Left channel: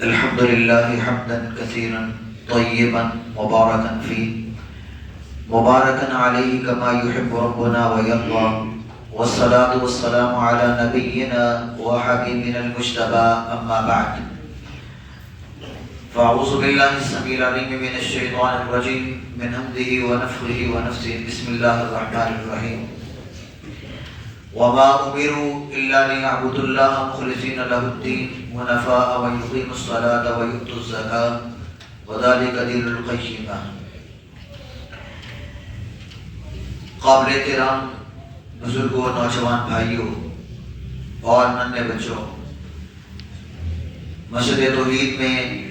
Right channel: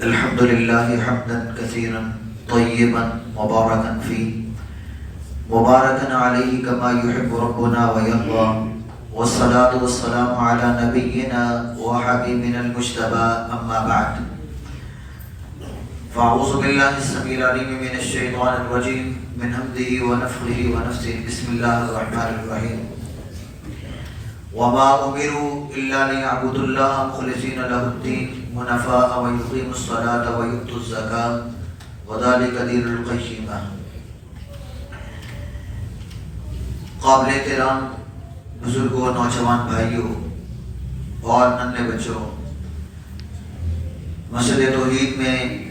الحمد لله حمدا كثيرا طيبا مباركا فيه مباركا عليه كما يحب ربنا ويرضى، والصلاة والسلام على نبينا وحبيبنا المجتبى، أما بعد، فأعوذ بالله السميع العليم من الشيطان الرجيم من همزه ونفخه ونفثه. بسم الله الرحمن الرحيم. وما أمروا إلا ليعبدوا الله مخلصين له الدين حنفاء ويقيموا الصلاة ويؤتوا الزكاة وذلك دين القيمة. قابل احترام بزرگوں، نوجوان بھائیوں اور ننھے بچوں، مسجد توحید میں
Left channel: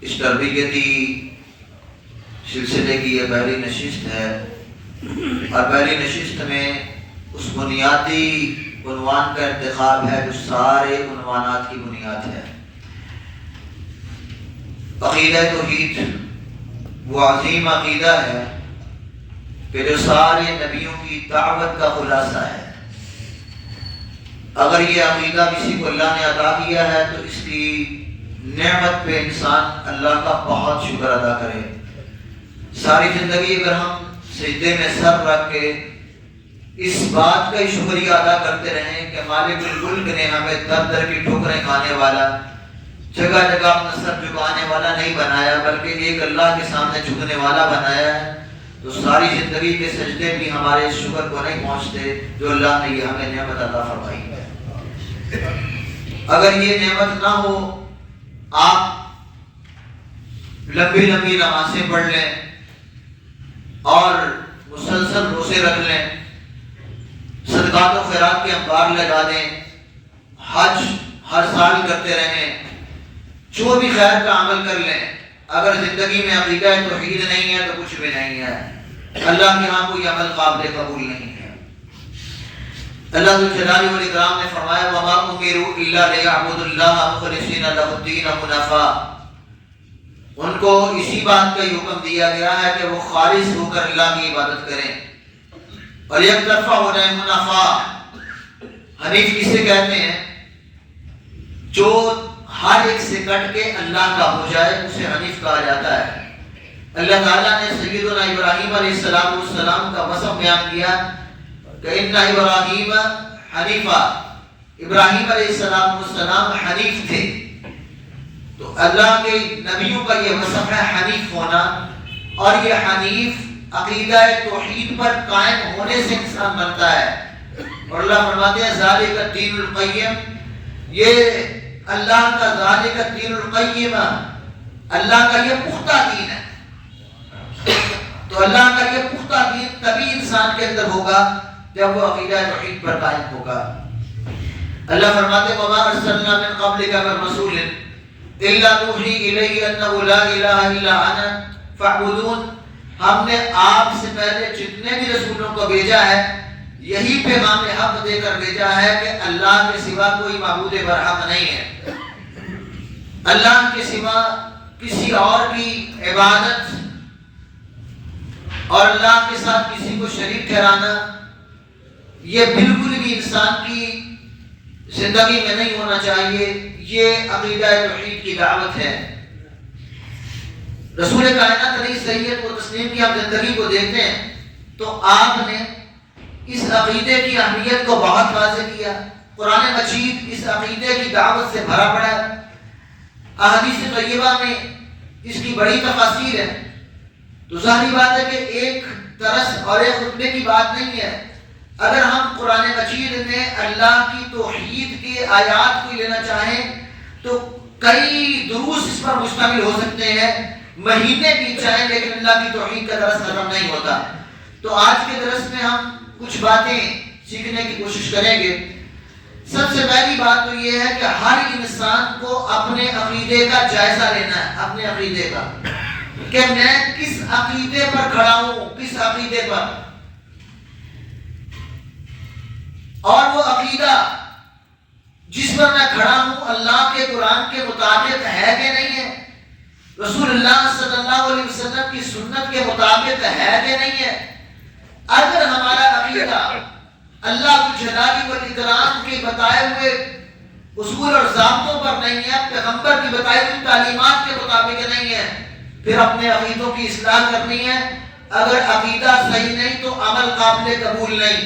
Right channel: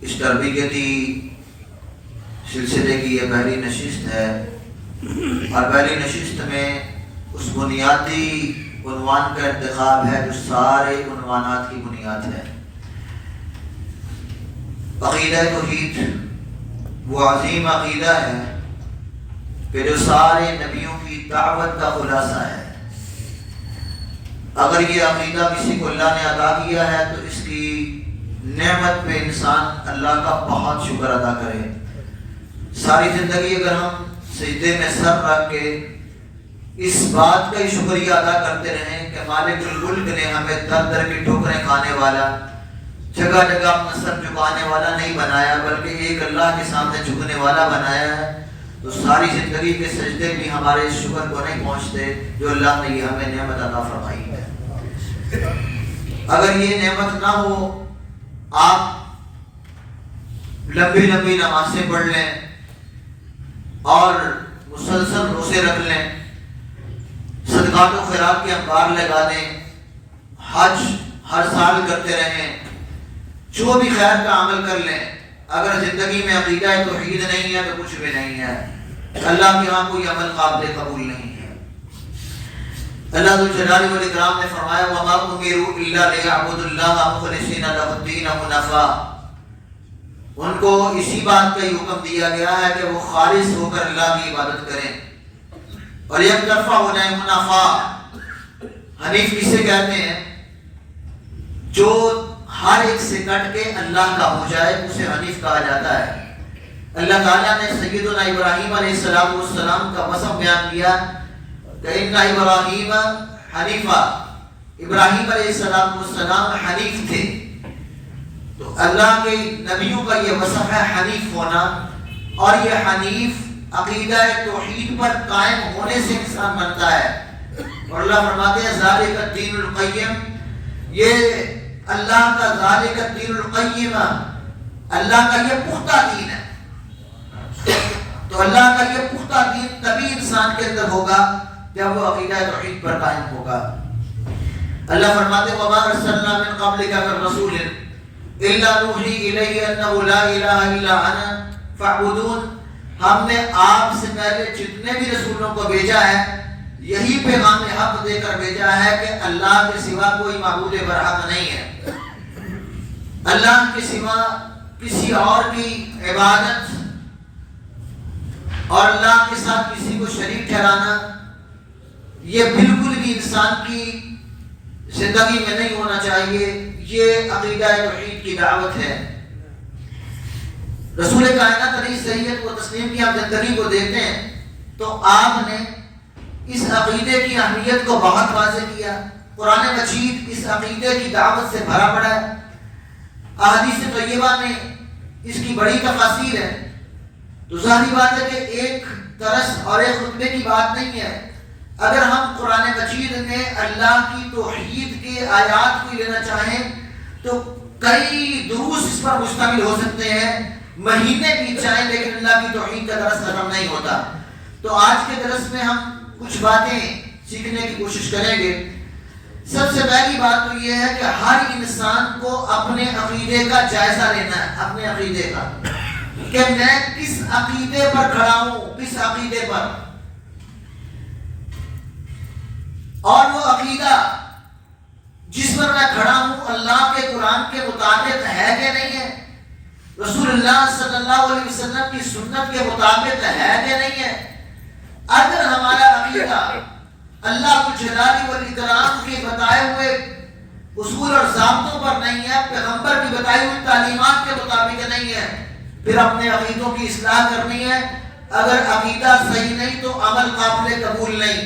اس تربیتی سلسلے کی یہ پہلی نشست ہے، اور پہلی نشست میں اس بنیادی عنوان کا انتخاب ہے جو سارے عنوانات کی بنیاد ہے۔ عقیدہ توحید وہ عظیم عقیدہ ہے کہ جو سارے نبیوں کی دعوت کا خلاصہ ہے۔ اگر یہ عقیدہ کسی کو اللہ نے عطا کیا ہے تو اس کی نعمت پہ انسان اللہ کا بہت شکر ادا کرے۔ ساری زندگی اگر ہم سجدے میں سر رکھ کے اس بات کا ہی شکریہ ادا کرتے رہیں کہ مالک الملک نے ہمیں در در کی ٹھوکریں کھانے والا، جگہ جگہ اپنا سر جھکانے والا نہیں بنایا بلکہ ایک اللہ کے سامنے جھکنے والا بنایا ہے، تو ساری زندگی کے سجدے بھی ہمارے اس شکر کو نہیں پہنچتے جو اللہ نے یہ ہمیں نعمت عطا فرمائی ہے۔ اگر یہ نعمت نہ ہو، آپ لمبی لمبی نمازیں پڑھ لیں اور مسلسل روزے رکھ لیں، صدقات و خیرات کے انبار لگا دیں، حج ہر سال کرتے رہیں، جو بھی خیر کا عمل کر لیں، اگر زندگی میں عقیدہ توحید نہیں ہے تو کچھ بھی نہیں ہے۔ اللہ کے وہاں کوئی عمل قابل قبول نہیں ہے۔ اللہ ذوالجلال والاکرام نے فرمایا وما امروا الا ليعبدوا الله مخلصين له الدين حنفاء۔ ان کو اسی بات کا حکم دیا گیا ہے کہ وہ خالص ہو کر اللہ کی عبادت کریں اور یک طرفہ ہو جائیں حنفاء۔ حنیف کسے کہتے ہیں؟ جو ہر ایک سے کٹ کے اللہ کا ہو جائے اسے حنیف کہا جاتا ہے۔ اللہ تعالیٰ نے سیدنا ابراہیم علیہ السلام کا وصف بیان کیا کہ ان ابراہیم حنیفہ، ابراہیم علیہ السلام حنیف تھے۔ تو اللہ کے نبیوں کا یہ وصف ہے حنیف ہونا، اور یہ حنیف عقیدہ توحید پر قائم ہونے سے انسان بنتا ہے۔ اور اللہ فرماتے ہیں ذالک الدین القیم، یہ اللہ کا ذالک الدین القیم، اللہ کا یہ پختہ دین ہے۔ تو اللہ کا یہ پختہ دین تبھی انسان کے اندر ہوگا جب وہ عقیدہ توحید پر قائم ہوگا۔ اللہ فرماتے ہیں وما ارسلنا من قبلک من رسول الا نوحی الیہ انہ لا الہ الا انا فاعبدون۔ ہم نے آپ سے پہلے جتنے بھی رسولوں کو بھیجا ہے یہی پیغام حق دے کر بھیجا ہے کہ اللہ کے سوا کوئی معبود برحق نہیں ہے۔ اللہ کے سوا کسی اور کی عبادت اور اللہ کے ساتھ کسی کو شریک ٹھہرانا یہ بالکل بھی انسان کی زندگی میں نہیں ہونا چاہیے۔ یہ عقیدہ توحید کی دعوت ہے۔ رسول کائنات علیہ سید و تسلیم کی ہم زندگی کو دیکھتے ہیں تو آپ نے اس عقیدے کی اہمیت کو بہت واضح کیا۔ قرآن مجید اس عقیدے کی دعوت سے بھرا پڑا ہے۔ احادیث طیبہ میں اس کی بڑی تفاصیل ہے۔ تو ظاہری بات ہے کہ ایک درس اور ایک خطبے کی بات نہیں ہے۔ اگر ہم قرآن مجید میں اللہ کی توحید کے آیات کو لینا چاہیں تو کئی دروس اس پر مشتمل ہو سکتے ہیں، مہینے بیت جائیں لیکن اللہ کی توحید کا درس ختم نہیں ہوتا۔ تو آج کے درس میں ہم کچھ باتیں سیکھنے کی کوشش کریں گے۔ سب سے پہلی بات تو یہ ہے کہ ہر انسان کو اپنے عقیدے کا جائزہ لینا ہے، اپنے عقیدے کا، کہ میں کس عقیدے پر کھڑا ہوں، کس عقیدے پر، اور وہ عقیدہ جس پر میں کھڑا ہوں اللہ کے قرآن کے مطابق ہے کہ نہیں ہے، رسول اللہ صلی اللہ علیہ وسلم کی سنت کے مطابق ہے کہ نہیں ہے۔ اگر ہمارا عقیدہ اللہ کی جلالی والاکرام کے بتائے ہوئے ہوئے اصول اور ضابطوں پر نہیں ہے، پیغمبر کی بتائی ہوئی تعلیمات کے مطابق نہیں ہے، پھر اپنے عقیدوں کی اصلاح کرنی ہے۔ اگر عقیدہ صحیح نہیں تو عمل قابل قبول نہیں۔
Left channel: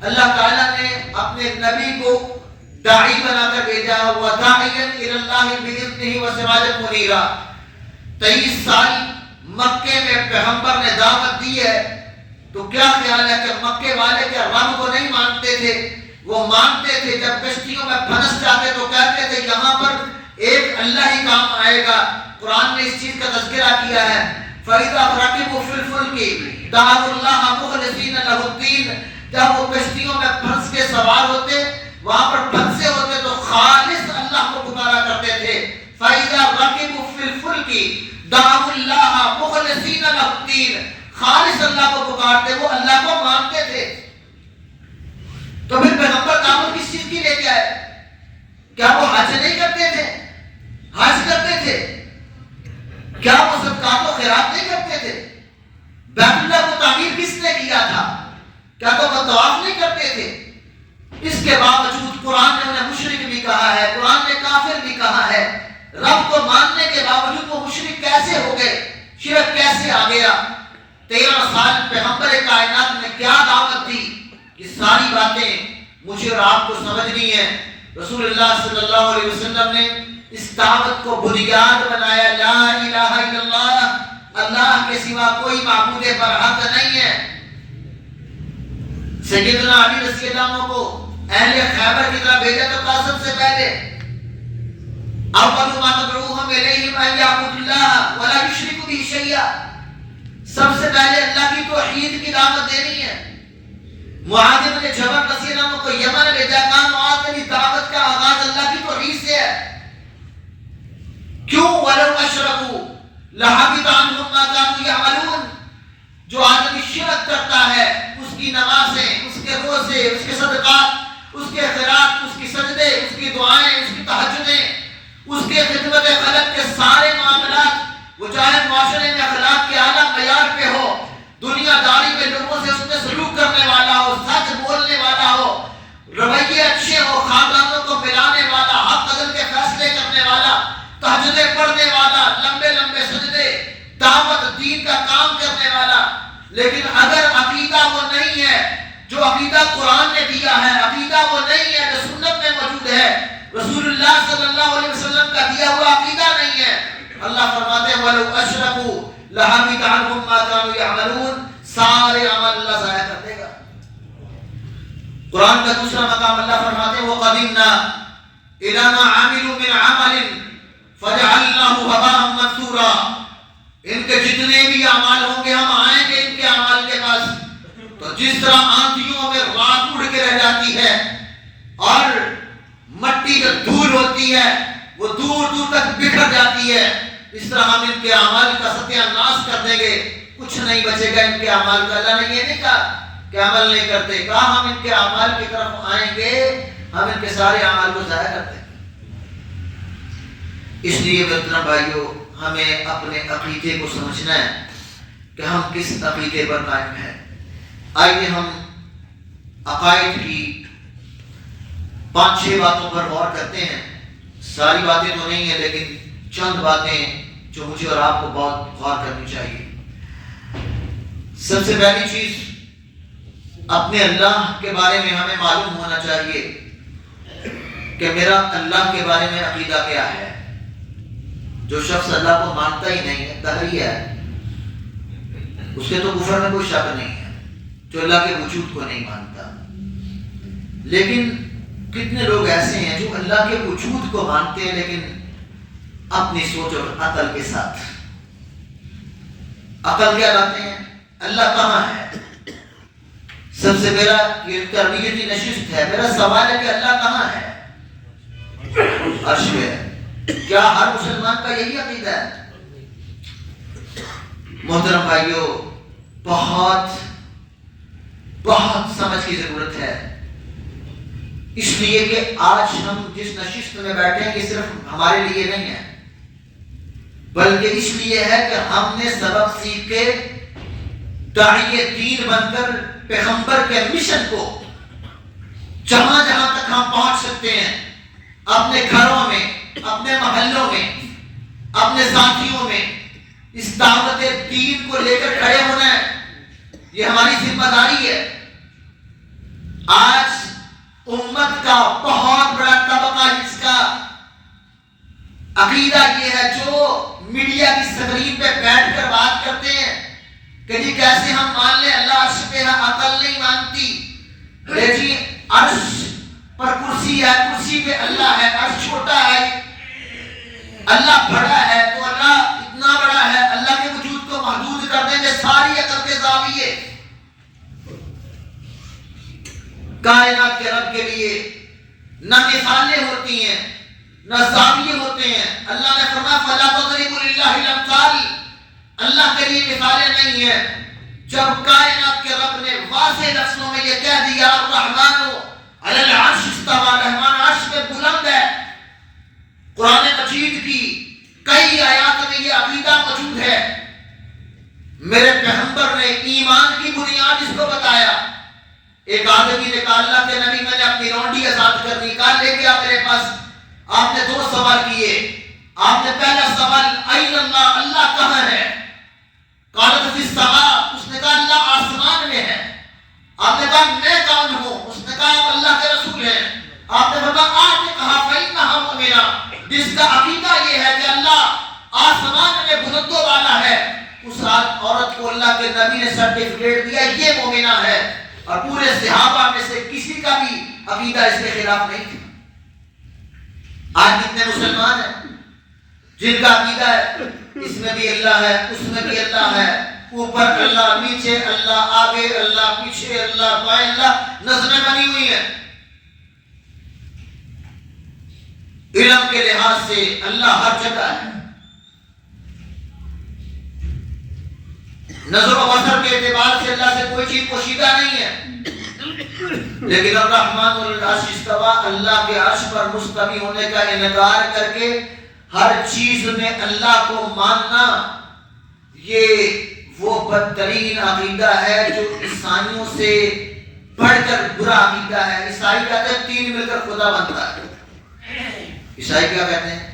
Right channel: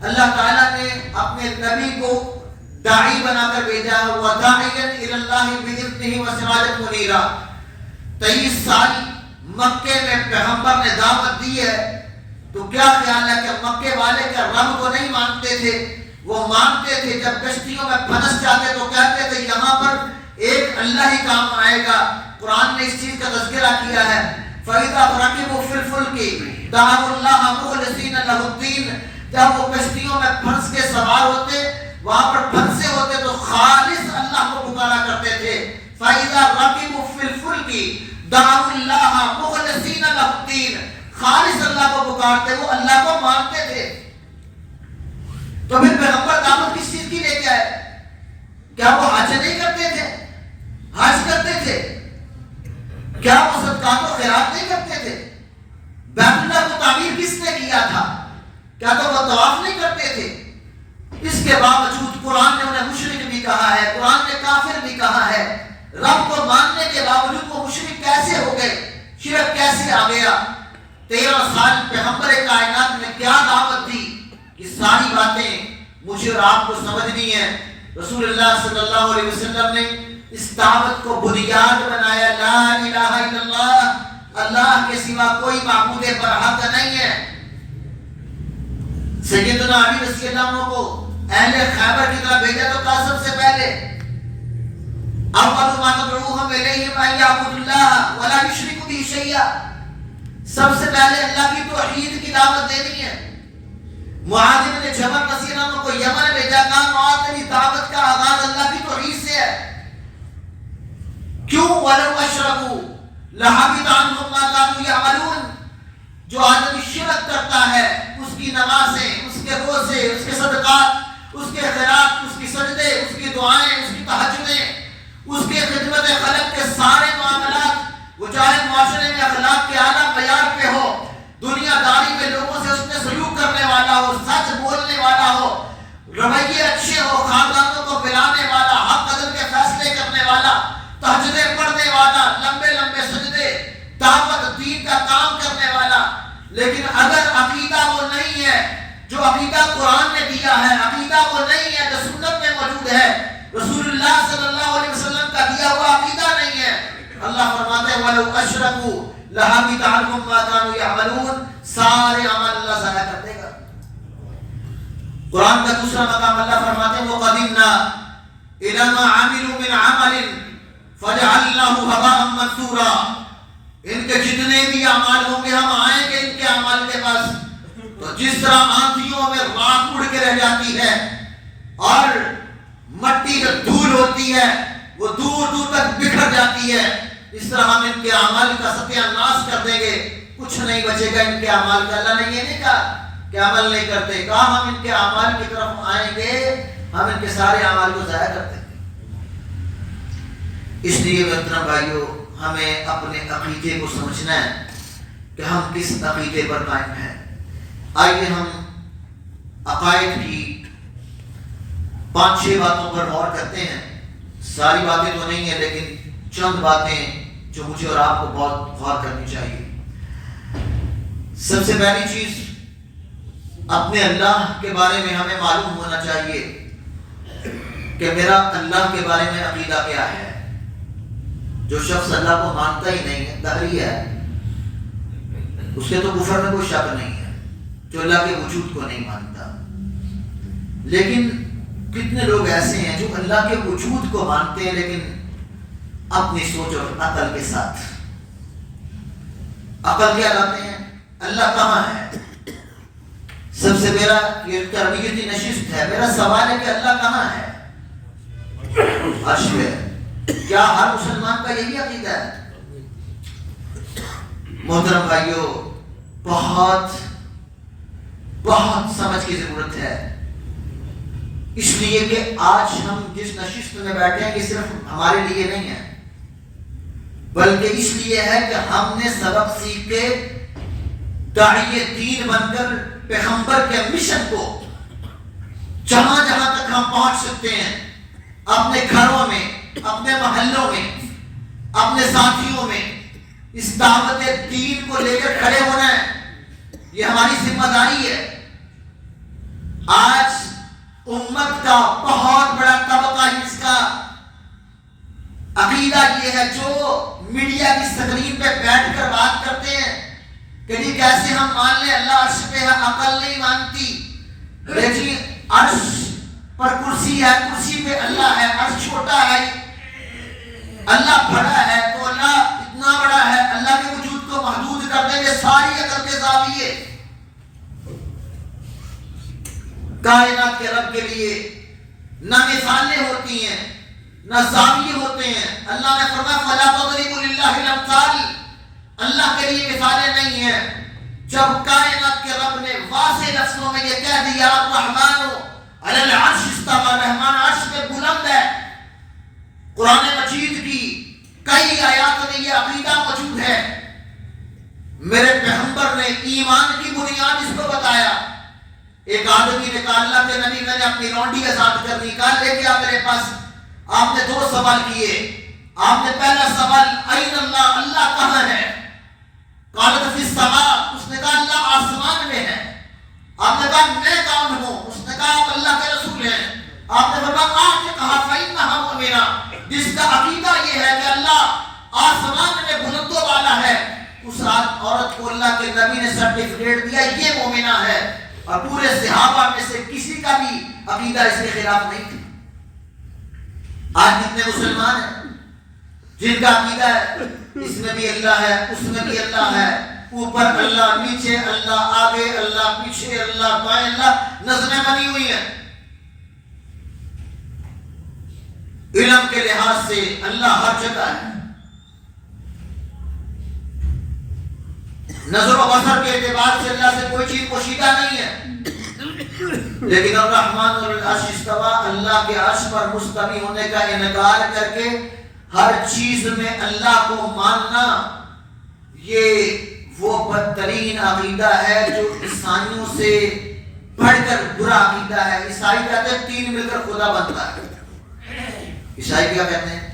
اللہ تعالیٰ نے اپنے نبی کو داعی بنا کر بھیجا، وَدَاعِيًا إِلَى اللَّهِ بِإِذْنِهِ وَسِرَاجًا مُنِيرًا۔ 23 سال مکے میں پیغمبر نے دعوت دی ہے، تو کیا خیال ہے کہ مکے والے کیا رب کو نہیں مانتے تھے؟ وہ مانتے تھے۔ جب کشتیوں میں پھنس جاتے تو کہتے تھے یہاں پر ایک اللہ ہی کام آئے گا۔ قرآن نے اس چیز کا تذکرہ کیا ہے، فَإِذَا رَكِبُوا فِي الْفُلْكِ دَعَوُا اللَّهَ مُخْلِصِينَ لَهُ الدِّينَ۔ جب وہ کشتیوں میں پھنس کے سوار ہوتے، وہاں پر پھنسے ہوتے تو خالص اللہ کو پکارا کرتے تھے۔ فَإِذَا رَكِبُوا فِي الْفُلْكِ دَعَوُا اللَّهَ مُخْلِصِينَ لَهُ الدِّينَ۔ خالص اللہ کو پکارتے، وہ اللہ کو مانتے تھے۔ تو پھر پیغمبر دعوت کس چیز کی لے کے آئے؟ کیا وہ حج نہیں کرتے تھے؟ حج کرتے تھے۔ کیا وہ صدقات و خیرات نہیں کرتے تھے؟ بیت اللہ کو تعمیر کس نے کیا تھا؟ کیا تو وہ طواف نہیں کرتے تھے؟ اس کے باوجود قرآن نے انہیں مشرک بھی کہا ہے، قرآن نے کافر بھی کہا ہے۔ رب کو ماننے کے باوجود وہ مشرک کیسے ہو گئے؟ شرک کیسے آ گیا؟ 13 سال پیغمبر کائنات نے کیا دعوت دی؟ یہ ساری باتیں مجھے اور آپ کو سمجھنی ہے۔ رسول اللہ صلی اللہ علیہ وسلم نے اس دعوت کو بنیاد بنایا، لا الہ الا اللہ، اللہ کے سوا کوئی معبود برحق نہیں ہے۔ سیدنا علی رضی اللہ عنہ کو اہل خیبر کی طرف بھیجا تو کہا سب سے پہلے اول ما ندعوہم الیہ ان یعبدوا اللہ ولا یشرکوا بہ شیئا، سب سے پہلے اللہ کی توحید کی دعوت دینی ہے۔ معاذ بن جبل رضی اللہ عنہ کو یمن بھیجا، کہا معاذ میری دعوت کا آغاز اللہ کی توحید سے ہے۔ کیوں؟ وَلَوْ أَشْرَكُوا لَحَبِطَ عَنْهُمْ مَا كَانُوا يَعْمَلُونَ۔ جو آدمی شرک کرتا ہے، اس کی نمازیں، اس کے روزے، اس کے صدقات، اس کے خیرات، اس کی سجدے، اس کی دعائیں، اس کی تہجدیں، اس کے خدمت خلق کے سارے معاملات، وہ چاہے معاشرے میں اخلاق کے اعلیٰ معیار پہ ہو، دنیا داری میں لوگوں سے اس نے سلوک کرنے والا ہو، سچ بولنے والا ہو، رویے اچھے ہو، خاندانوں کو ملانے والا، حق عدل کے فیصلے کرنے والا، تہجدیں پڑھنے والا، لمبے لمبے سجدے، دعوت دین کا کام کرنے والا، لیکن اگر عقیدہ وہ نہیں ہے جو عقیدہ قرآن نے دیا ہے، عقیدہ وہ نہیں ہے جو سنت میں موجود ہے، رسول اللہ صلی اللہ علیہ وسلم کا دیا ہوا عقیدہ نہیں ہے، اللہ فرماتے ہیں وَلَوْ أَشْرَكُوا لَحَبِطَ عَنْهُمْ مَا كَانُوا يَعْمَلُونَ۔ سارے عمل اللہ ضائع کر دے گا۔ قرآن کا دوسرا مقام اللہ فرماتے ہیں وَقَدِمْنَا إِلَى مَا عَمِلُوا مِنْ عَمَلٍ فَجَعَلْنَاهُ هَبَاءً مَنثُورًا۔ ان کے جتنے بھی اعمال ہوں گے ہم آئیں گے ان کے اعمال کے پاس، تو جس طرح آندھیوں میں راکھ اڑ کے رہ جاتی ہے اور مٹی جو دھول ہوتی ہے وہ دور دور تک بکھر جاتی ہے، اس طرح ہم ان کے اعمال کا ستیہ ناش کر دیں گے، کچھ نہیں بچے گا ان کے اعمال کا۔ اللہ نے یہ نہیں کہا کہ عمل نہیں کرتے، کہا ہم ان کے اعمال کی طرف آئیں گے، ہم ان کے سارے اعمال کو ضائع کر دیں گے۔ اس لیے محترم بھائیوں، ہمیں اپنے عقیدے کو سمجھنا ہے کہ ہم کس عقیدے پر قائم ہیں۔ آئیے ہم عقائد کی 5-6 باتوں پر غور کرتے ہیں۔ ساری باتیں تو نہیں ہیں لیکن چند باتیں جو مجھے اور آپ کو بہت غور کرنی چاہیے۔ سب سے پہلی چیز، اپنے اللہ کے بارے میں ہمیں معلوم ہونا چاہیے کہ میرا اللہ کے بارے میں عقیدہ کیا ہے۔ جو شخص اللہ کو مانتا ہی نہیں ہے، دہری ہے، اس کے تو کفر میں کوئی شک نہیں ہے، جو اللہ کے وجود کو نہیں مانتا۔ لیکن کتنے لوگ ایسے ہیں جو اللہ کے وجود کو مانتے ہیں لیکن اپنی سوچ اور عقل کے ساتھ۔ عقل کیا لاتے ہیں؟ اللہ کہاں ہے؟ سب سے میرا یہ تربیتی نشست ہے، میرا سوال ہے کہ اللہ کہاں ہے؟ عرش پہ ہے۔ کیا ہر مسلمان کا یہی عقیدہ ہے؟ محترم بھائیوں، بہت بہت سمجھ کی ضرورت ہے، اس لیے کہ آج ہم جس نشست میں بیٹھے ہیں یہ صرف ہمارے لیے نہیں ہے، بلکہ اس لیے ہے کہ ہم نے سبق سیکھ کے داعی دین بن کر پیغمبر کے مشن کو جہاں جہاں تک ہم پہنچ سکتے ہیں اپنے گھروں میں، اپنے محلوں میں، اپنے ساتھیوں میں اس دعوت دین کو لے کر کھڑے ہونا ہے، یہ ہماری ذمہ داری ہے۔ آج امت کا بہت بڑا طبقہ جس کا عقیدہ یہ ہے، جو میڈیا کی اسکرین پہ بیٹھ کر بات کرتے ہیں کہ جی کیسے ہم مان لیں اللہ عرش پہ ہے، عقل نہیں مانتی، جی عرش پر کرسی ہے، کرسی پہ اللہ ہے، عرش چھوٹا ہے، اللہ بڑا ہے، تو اللہ اتنا بڑا ہے، اللہ کے وجود کو محدود کر دیں گے ساری عقل کے زاویے۔ کائنات کے رب کے لیے نہ مثالیں ہوتی ہیں نہ زاویے ہوتے ہیں۔ اللہ نے فرمایا فَلَا تَضْرِبُوا لِلَّهِ الْأَمْثَالَ، اللہ کے لیے مثالیں نہیں ہیں۔ جب کائنات کے رب نے واضح لفظوں میں یہ کہہ دیا الرحمن علی العرش استویٰ، رحمان عرش پہ بلند ہے، قرآن مجید کی کئی آیات میں یہ عقیدہ موجود ہے۔ میرے پیغمبر نے ایمان کی بنیاد اس کو بتایا۔ ایک آدمی نے کہا اللہ کے نبی میں نے اپنی رونڈی آزاد کر دی، کہا لے گیا میرے پاس۔ آپ نے دو سوال کیے۔ آپ نے پہلا سوال این اللہ، اللہ کہاں ہے؟ قالت فی السماء، اس نے کہا اللہ آسمان میں ہے۔ آپ نے کہا میں کون ہوں؟ اس نے کہا آپ اللہ کے رسول ہیں۔ آپ نے فرمایا آپ نے کہا فإنہا مؤمنہ، جس کا عقیدہ یہ ہے کہ اللہ آسمان میں بلندوں والا ہے، اس عورت کو اللہ کے نبی نے سرٹیفکیٹ دیا یہ مومنہ ہے، اور پورے صحابہ میں سے کسی کا بھی عقیدہ اس کے خلاف نہیں تھا۔ آج کتنے مسلمان ہیں جن کا عقیدہ ہے اس میں بھی اللہ ہے، اس میں بھی اللہ ہے، اوپر اللہ، نیچے اللہ، آگے اللہ، پیچھے اللہ، بائیں اللہ، نظمیں بنی ہوئی ہیں۔ علم کے لحاظ سے اللہ ہر جگہ ہے، نظر و بصر کے اعتبار سے اللہ سے کوئی چیز پوشیدہ نہیں ہے، لیکن الرحمن والعرش استویٰ، اللہ کے عرش پر مستوی ہونے کا انکار کر کے ہر چیز میں اللہ کو ماننا، یہ وہ بدترین عقیدہ ہے جو عیسائیوں سے بڑھ کر برا عقیدہ ہے۔ عیسائی کہتے ہیں تین مل کر خدا بنتا ہے، عیسائی کیا کہتے ہیں؟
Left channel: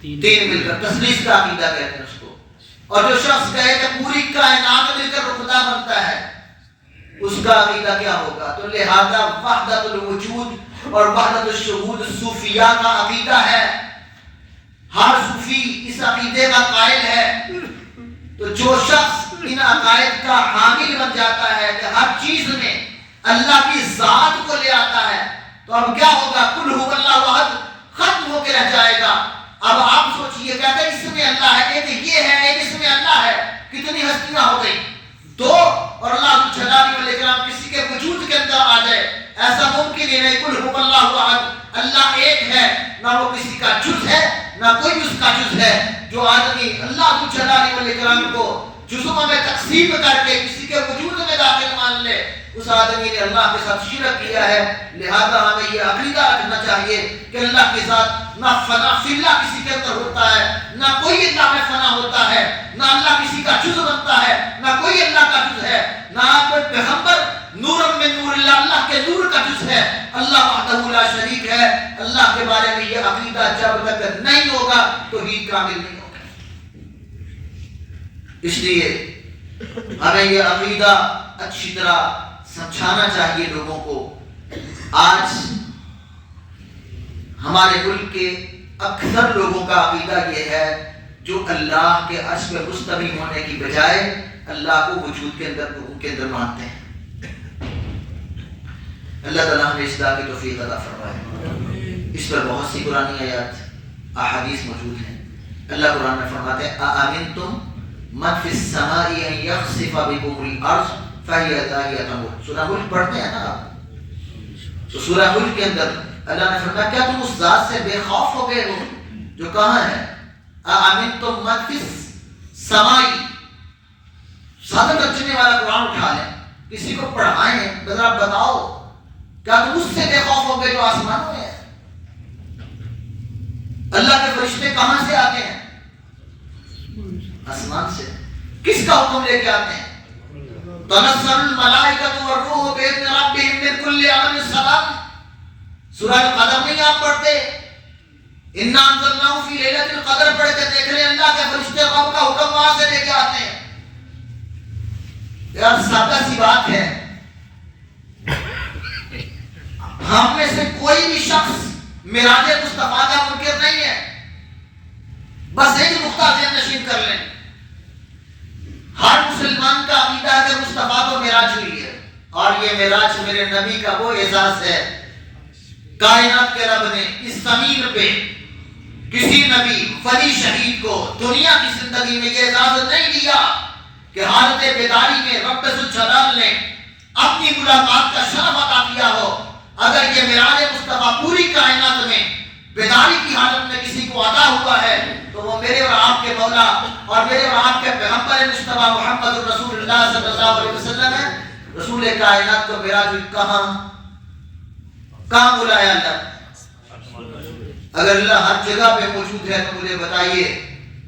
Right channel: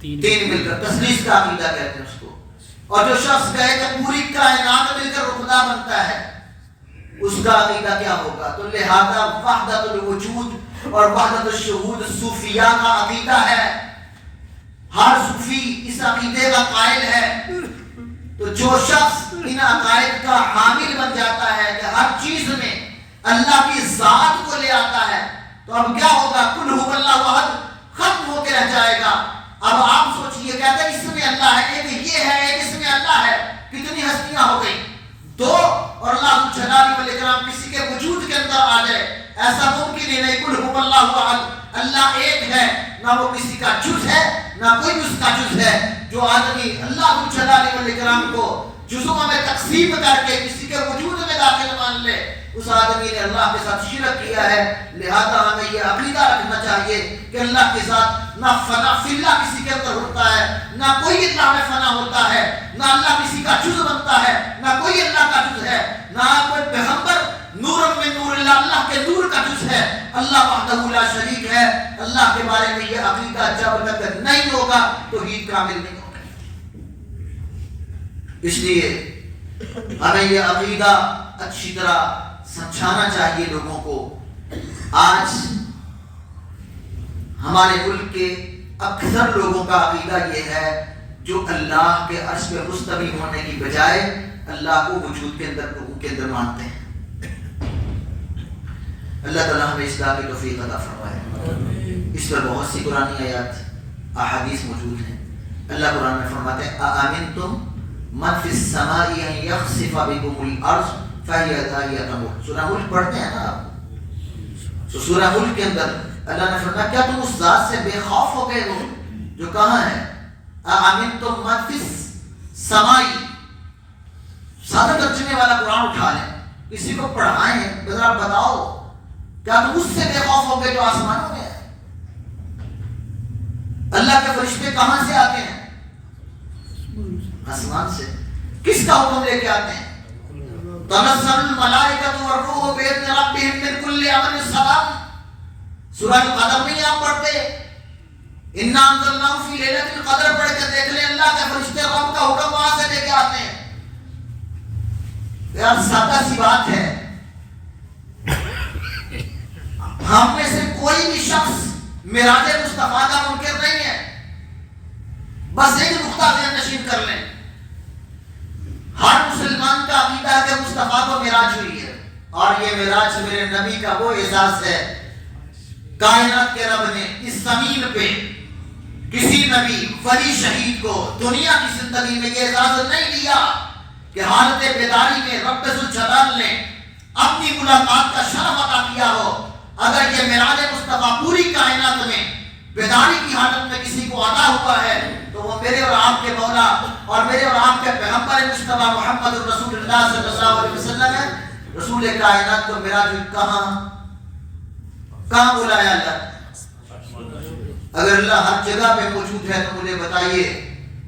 تین مل کر، تثلیث کا عقیدہ کہتے ہیں اس کو۔ اور جو شخص کہے کہ پوری کائنات مل کر خدا بنتا ہے، اس کا عقیدہ کیا ہوگا؟ تو لہذا وحدت الوجود اور وحدت الشہود صوفیاء کا عقیدہ ہے۔ ہر صوفی اس عقیدے کا قائل ہے۔ تو جو شخص ان عقائد کا حامل بن جاتا ہے کہ ہر چیز میں اللہ کی ذات کو لے آتا ہے، تو اب کیا ہوگا؟ قل ھو اللہ احد ختم ہو کے رہ جائے گا۔ اب آپ سوچئے، کہتے ہیں اس میں اللہ ہے، ایک یہ ہے، ایک اس میں اللہ ہے، کتنی ہستیاں ہو گئی دو، اور اللہ جلالہ والاکرام کسی کے وجود کے اندر آ جائے، ایسا ممکن ہی نہیں۔ قل ھو اللہ احد، اللہ ایک ہے، نہ وہ کسی کا جز ہے نہ کوئی اس کا جز ہے۔ جو آدمی اللہ جلالہ والاکرام کو جزوں میں تقسیم کر کے کسی کے وجود میں داخل مان لے، اس آدمی نے اللہ کے ساتھ شرک کیا ہے۔ لہذا ہمیں یہ عقیدہ رکھنا چاہیے کہ اللہ کے ساتھ نہ فنا فی اللہ کسی کے اندر ہوتا ہے، نہ کوئی اللہ میں فنا ہوتا ہے، نہ اللہ کسی کا جز بنتا ہے، نہ کوئی اللہ کا جز ہے، نہ کوئی پیغمبر نور من نور اللہ، اللہ کے نور کا جز ہے۔ اللہ وحدہ لا شریک ہے۔ اللہ کے بارے میں یہ عقیدہ جب تک نہیں ہوگا توحید کامل نہیں ہوگا۔ اس لیے ہمیں یہ عقیدہ اچھی طرح سمجھانا چاہیے لوگوں کو۔ آج ہمارے ملک کے اکثر لوگوں کا عقیدہ یہ ہے جو اللہ کے عرش پہ مستوی ہونے کی بجائے اللہ کو وجود کے اندر مانتے ہیں۔ اللہ تعالیٰ ہمیں اصلاح کی توفیق عطا فرمائے۔ اس پر بہت سی قرآنی آیات احادیث موجود ہیں۔ اللہ قرآن میں فرماتے ہیں اَأَمِنْتُمْ مَنْ فِي السَّمَاءِ أَنْ يَخْسِفَ بِكُمُ الْأَرْضَ فَهِيَ تَمُرُّ۔ سورہ ملک پڑھتے ہیں نا آپ، تو سورہ ملک کے اندر اللہ نے فرمایا کیا تم اس ذات سے بے خوف ہو گئے ہو جو کہاں ہے؟ اَأَمِنْتُمْ مَنْ فِي السَّمَاءِ، سادہ ترجمے والا قرآن اٹھا لیں، کسی کو پڑھائیں، ذرا بتاؤ کیا تم اس سے بے خوف ہو گئے جو آسمانوں میں ہے؟ اللہ کے فرشتے کہاں سے آتے ہیں؟ آسمان سے۔ کس کا حکم لے کے آتے ہیں؟ تنزل الملائکۃ والروح بإذن ربهم من كل امر سلام۔ سورہ القدر نہیں آپ پڑھتے؟ اِنَّا أَنزَلْنَاهُ فِي لَيْلَةِ الْقَدْر پڑھ کے دیکھ لیں، اللہ کے فرشتے رب کا حکم وہاں سے لے کے آتے ہیں۔ یار سادہ سی بات ہے، ہم میں سے کوئی بھی شخص معراج مصطفیٰ کا منکر نہیں ہے، بس ایک نقطہ ذہن نشین کر لیں، ہر مسلمان کا عقیدہ ہے کہ مصطفیٰ کو معراج ہوئی ہے، اور یہ معراج میرے نبی کا وہ اعزاز ہے۔ کائنات کے رب نے اس زمین پہ کسی نبی ولی شہید کو دنیا کی زندگی میں یہ اجازت نہیں دیا کہ حالت بیداری میں رب ذوالجلال نے اپنی ملاقات کا شرف عطا کیا ہو۔ اگر یہ معراج مصطفیٰ پوری کائنات میں بیداری کی حالت میں کسی کو عطا ہوا ہے تو وہ میرے اور آپ کے مولا اور میرے اور آپ کے پیغمبر مصطفیٰ محمد رسول اللہ صلی اللہ علیہ وسلم ہے۔ رسول کائنات کو معراج کہاں بلایا اللہ؟ اگر اللہ ہر جگہ پہ موجود ہے تو مجھے بتائیے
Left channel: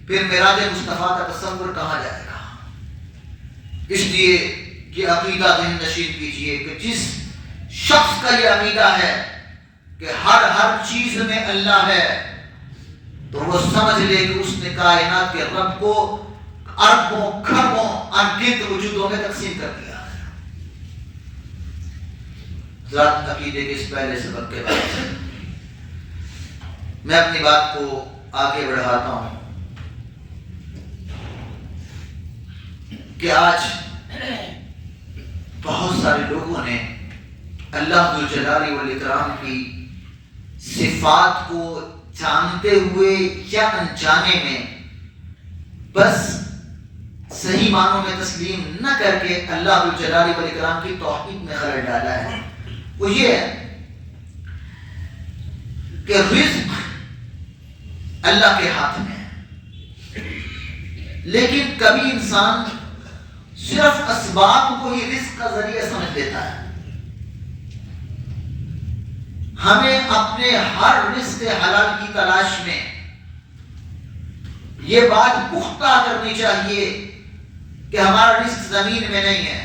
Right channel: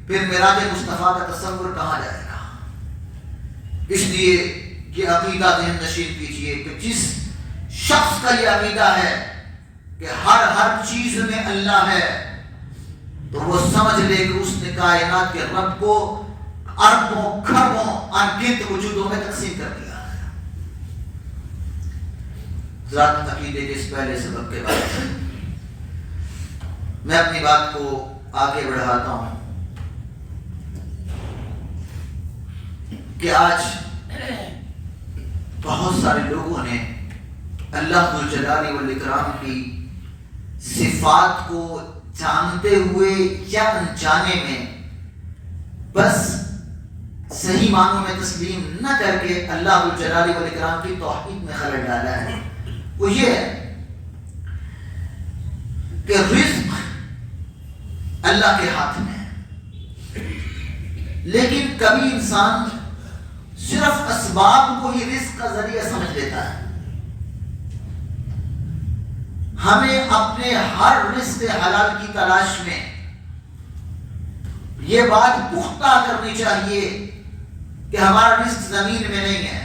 پھر معراج مصطفیٰ کا تصور کہاں جائے گا؟ اس لیے یہ عقیدہ ذہن نشین کیجئے کہ جس شخص کا یہ عقیدہ ہے کہ ہر چیز میں اللہ ہے تو وہ سمجھ لے کہ اس نے کائنات کے رب کو اربوں کھربوں انگنت وجودوں میں تقسیم کر دیا۔ ذات عقیدے کے اس پہلے سبق کے بعد میں اپنی بات کو آگے بڑھاتا ہوں کہ آج بہت سارے لوگوں نے اللہ ذوالجلال والاکرام کی صفات کو جانتے ہوئے یا انجانے میں بس صحیح معنوں میں تسلیم نہ کر کے اللہ ذوالجلال والاکرام کی توحید میں خلل ڈالا ہے۔ وہ یہ ہے کہ رزق اللہ کے ہاتھ میں ہے، لیکن کبھی انسان صرف اسباب کو ہی رزق کا ذریعہ سمجھ لیتا ہے۔ ہمیں اپنے ہر رزق حلال کی تلاش میں یہ بات پختہ کرنی چاہیے کہ ہمارا رزق زمین میں نہیں ہے۔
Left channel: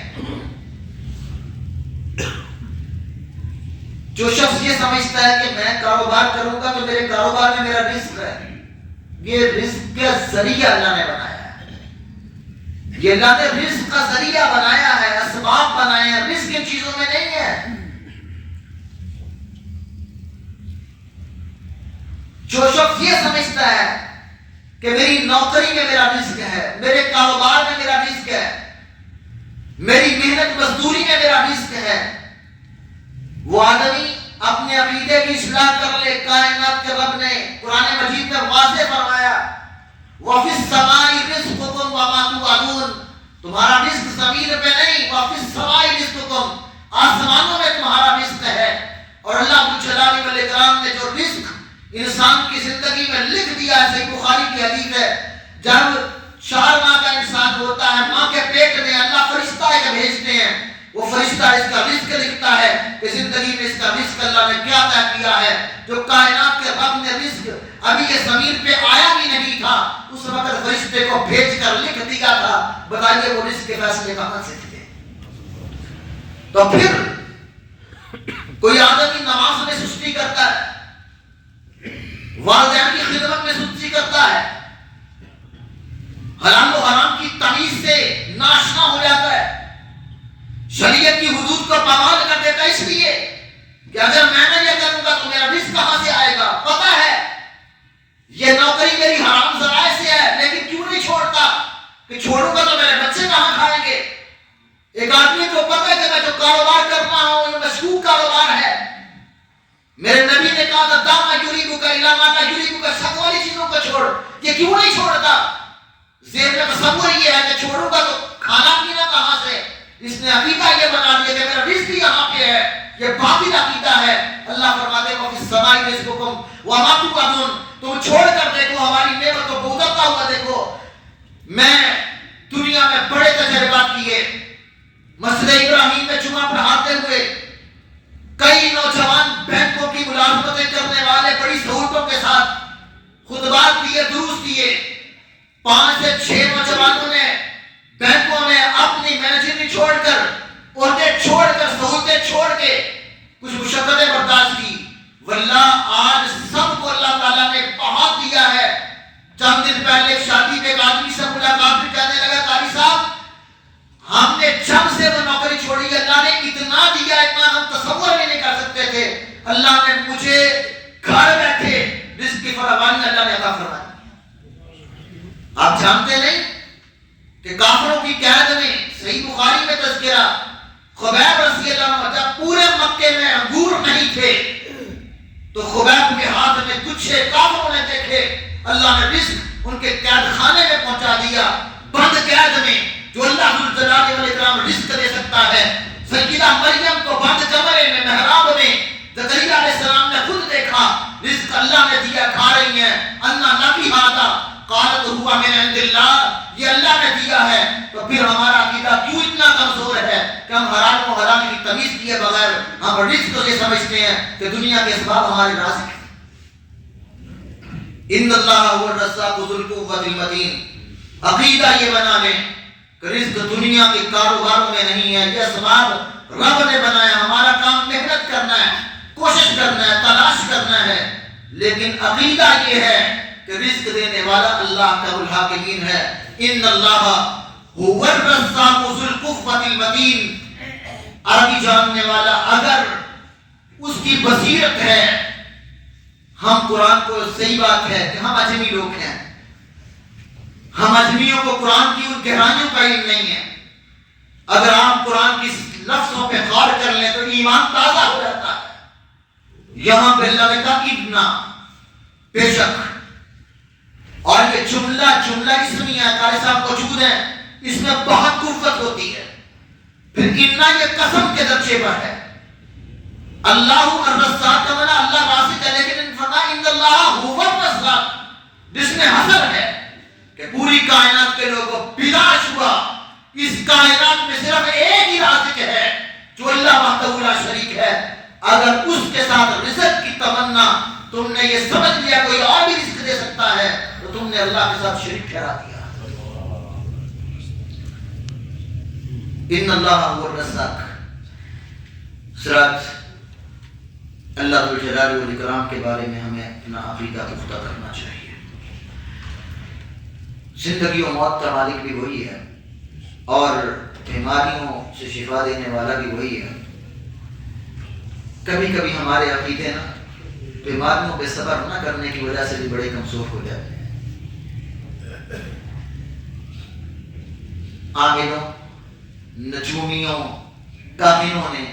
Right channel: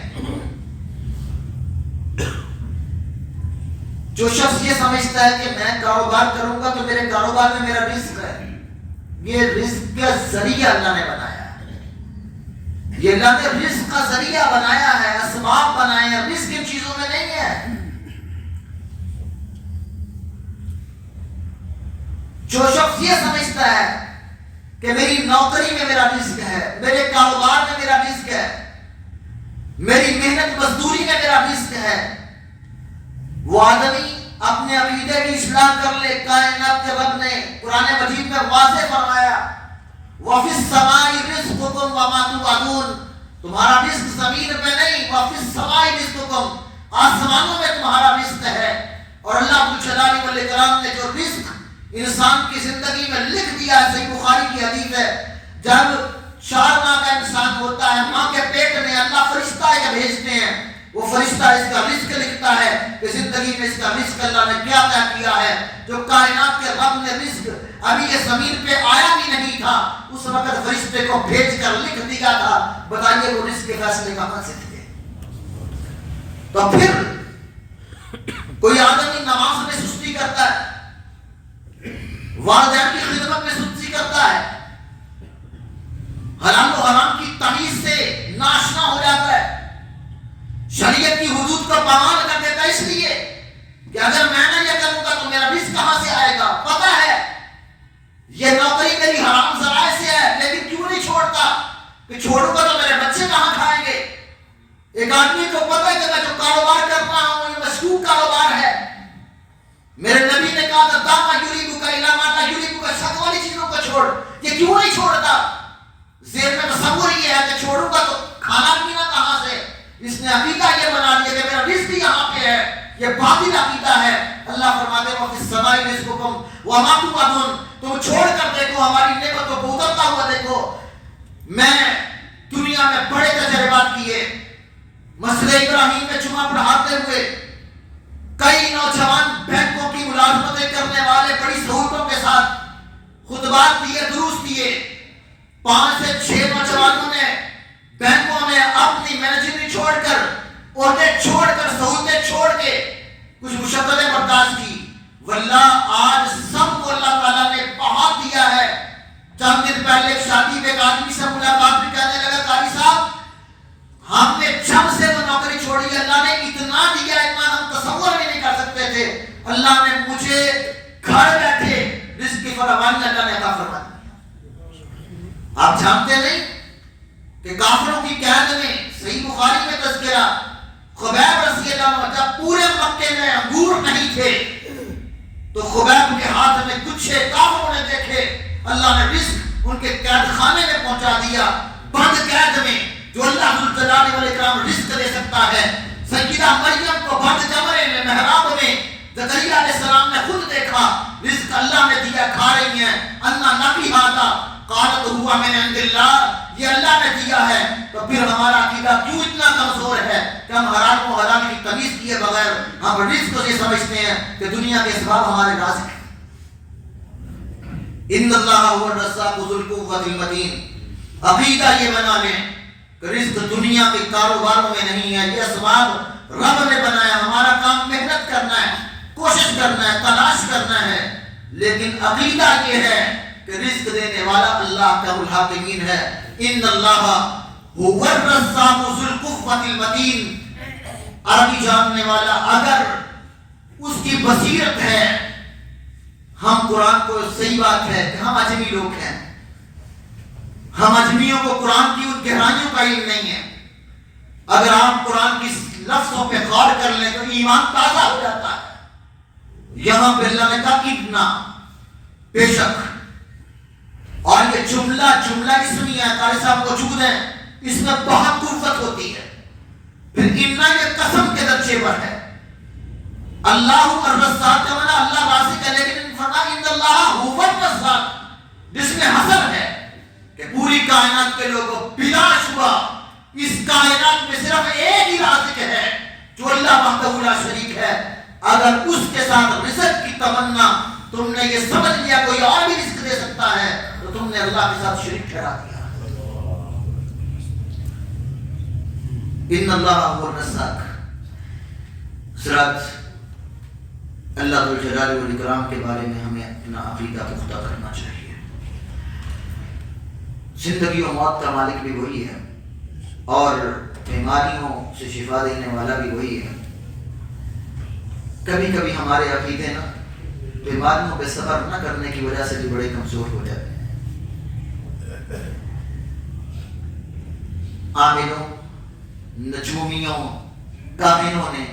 جو شخص یہ سمجھتا ہے کہ میں کاروبار کروں گا تو میرے کاروبار میں میرا رزق ہے، یہ رزق کا ذریعہ اللہ نے بنایا ہے، یہ اللہ نے رزق کا ذریعہ بنایا ہے، اسباب بنائے ہیں، رزق ان چیزوں میں نہیں ہے۔ جو شخص یہ سمجھتا ہے کہ میری نوکری میں میرا رزق ہے، میرے کاروبار میں میرا رزق ہے، میری محنت مزدوری میں میرا رزق ہے، وہ آدمی اپنے عقیدے کی اصلاح کر لے۔ کائنات کے رب نے قرآن مجید میں واضح فرمایا وَفِي السَّمَاءِ رِزْقُكُمْ وَمَا تُوعَدُونَ، تمہارا رزق زمین پہ نہیں، وَفِي السَّمَاءِ رِزْقُكُمْ، آسمانوں میں تمہارا رزق ہے۔ اور اللہ ذوالجلال والاکرام نے جو رزق انسان کی زندگی میں لکھ دیا ہے، صحیح بخاری کی حدیث ہے، جب 4 ماہ کا انسان ہوتا ہے ماں کے پیٹ میں اللہ فرشتہ بھیجتے ہیں، وہ فرشتہ اس کا رزق لکھتا ہے کہ زندگی میں اس کا رزق اللہ نے کیا طے کیا ہے۔ جو کائنات کے رب نے رزق ابھی یہ زمین پہ آیا بھی نہیں تھا اس وقت فرشتے کو بھیج کر لکھ دیا تھا، بتائیے وہ رزق کے فیصلے کہاں سے تھے؟ تو پھر کوئی آدمی نماز میں سستی کرتا ہے، والدین کی خدمت میں سستی کرتا ہے، حلال و حرام کی تمیز سے ناشنا ہو جاتا ہے، شریعت کی حدود کو پامال کر دیتا ہے، اس لیے کہ اگر میں نہ یہ کروں گا تو میرا رزق کہاں سے آئے گا؟ پتہ ہے یہ نوکری میری حرام ذرائع سے ہے لیکن کیوں نہیں چھوڑتا کہ چھوڑوں گا تو میرے بچے کہاں کھائیں گے؟ ایک آدمی کو پتہ ہے کہ میں جو کاروبار کر رہا ہوں یہ مشکوک کاروبار ہے، میرے نبی نے کہا تھا داما یوریکو کا علامہ کا یوریکو کا شک والی چیزوں کو چھوڑ، یہ کیوں نہیں چھوڑتا؟ ذہن میں تصور یہ ہے کہ چھوڑوں گا تو کھانا پینا کہاں سے؟ اس نے عقیدہ یہ بنا دیا کہ میرا رزق یہاں پہ ہے، یہ باطل عقیدہ ہے۔ اللہ فرماتے ہیں وَفِي السَّمَاءِ رِزْقُكُمْ وَمَا تُوعَدُونَ، تم چھوڑ کر دیکھو ہماری نعمتوں کو اترتا ہوا دیکھو۔ میں دنیا میں بڑے تجربات کیے، مسجد ابراہیم میں جمعہ پڑھاتے ہوئے کئی نوجوان بینکوں کی ملازمتیں کرنے والے بڑی سہولتوں کے ساتھ خطبات دیے، دروس دیے، 5 سے 6 نوجوانوں نے بینکوں میں اپنی مینیجری چھوڑ کر، عہدے چھوڑ کر، سہولتیں چھوڑ کے کچھ مشقتیں برداشت کی، واللہ آج سب کو اللہ تعالیٰ نے بہت دیا ہے. چند دن پہلے ایک شادی پہ ایک آدمی سے ملاقات میں کہنے لگا قاری صاحب ہم نے جب سے وہ نوکری چھوڑی اللہ نے اتنا دیا اتنا ہم تصور بھی نہیں کر سکتے تھے. اللہ نے مجھے گھر بیٹھے رزق کی فراوانی اللہ نے عطا فرما دی. آپ جانتے نہیں کہ کافروں کی قید میں صحیح بخاری میں تذکرہ خبیب رضی اللہ عنہ جب پورے مکے میں انگور نہیں تھے تو خبیب کے ہاتھ میں گچھے کافروں نے دیکھے. اللہ نے رزق ان کے قید خانے میں پہنچا دیا بند قید میں جو اللہ ذوالجلال والاکرام رزق دے سکتا ہے. سیدہ مریم کو بند کمرے میں محراب میں زکریا علیہ السلام نے خود دیکھا رزق اللہ نے دیا کھا رہی ہیں. انا لکی ھذا قالت ہوا من عند اللہ یہ اللہ نے دیا ہے. تو پھر ہمارا عقیدہ کیوں اتنا کمزور ہے کہ ہم حرام و حلال کی تمیز کیے بغیر ہم رزق کو یہ سمجھتے ہیں کہ دنیا کے اسباب ہمارے رازق ہیں. ان اللہ هو الرزاق ذو القوۃ المتین. عقیدہ یہ بنا لیں کہ رزق دنیا کے کاروباروں میں نہیں ہے. یہ اسباب رب نے بنایا. ہمارا کام محنت کرنا ہے کوشش کرنا ہے تلاش کرنا ہے. لیکن عقیدہ یہ ہے کہ رزق دینے والا اللہ کا الحاکمین ہے. ان اللہ هو الرزاق ذو القوۃ المتین. عربی جاننے والا اگر اس کی بصیرت ہے ہم قرآن کو صحیح بات ہے کہ ہم اجمی لوگ ہیں. ہم اجمیوں کو قرآن کی ان گہرائیوں کا علم نہیں ہے. اگر آپ قرآن کی لفظوں پہ غور کر لیں تو ایمان تازہ ہو جاتا ہے. یہاں پہ اللہ نے کہا ابنا بے شک اور یہ جملہ اسمیہ ہے. قاری صاحب موجود ہیں اس میں بہت قوت ہوتی ہے. پھر اتنا یہ قسم کے درجے پر ہے. اللہ الرزاق کا معنی اللہ رازق ہے لیکن ان اللہ هو الرزاق جس میں حصر ہے کہ پوری کائنات کے لوگوں بلا شبہ اس کائنات میں صرف ایک ہی رازق ہے جو اللہ وحدہ لا شریک ہے. اگر اس کے ساتھ رزق کی تمنا تم نے یہ سمجھ لیا کوئی اور بھی رزق دے سکتا ہے تو تم نے اللہ کے ساتھ شریک ٹھہرا دیا. ان اللہ هو الرزاق. سرات اللہ ذوالجلال والاکرام کے بارے میں ہمیں اپنا عقیدہ پختہ کرنا چاہیے. زندگی و موت کا مالک بھی وہی ہے اور بیماریوں سے شفا دینے والا بھی وہی ہے. کبھی کبھی ہمارے عقیدے نا بیماریوں پہ صبر نہ کرنے کی وجہ سے بھی بڑے کمزور ہو جاتے ہیں. عاملوں نجومیوں کاہنوں نے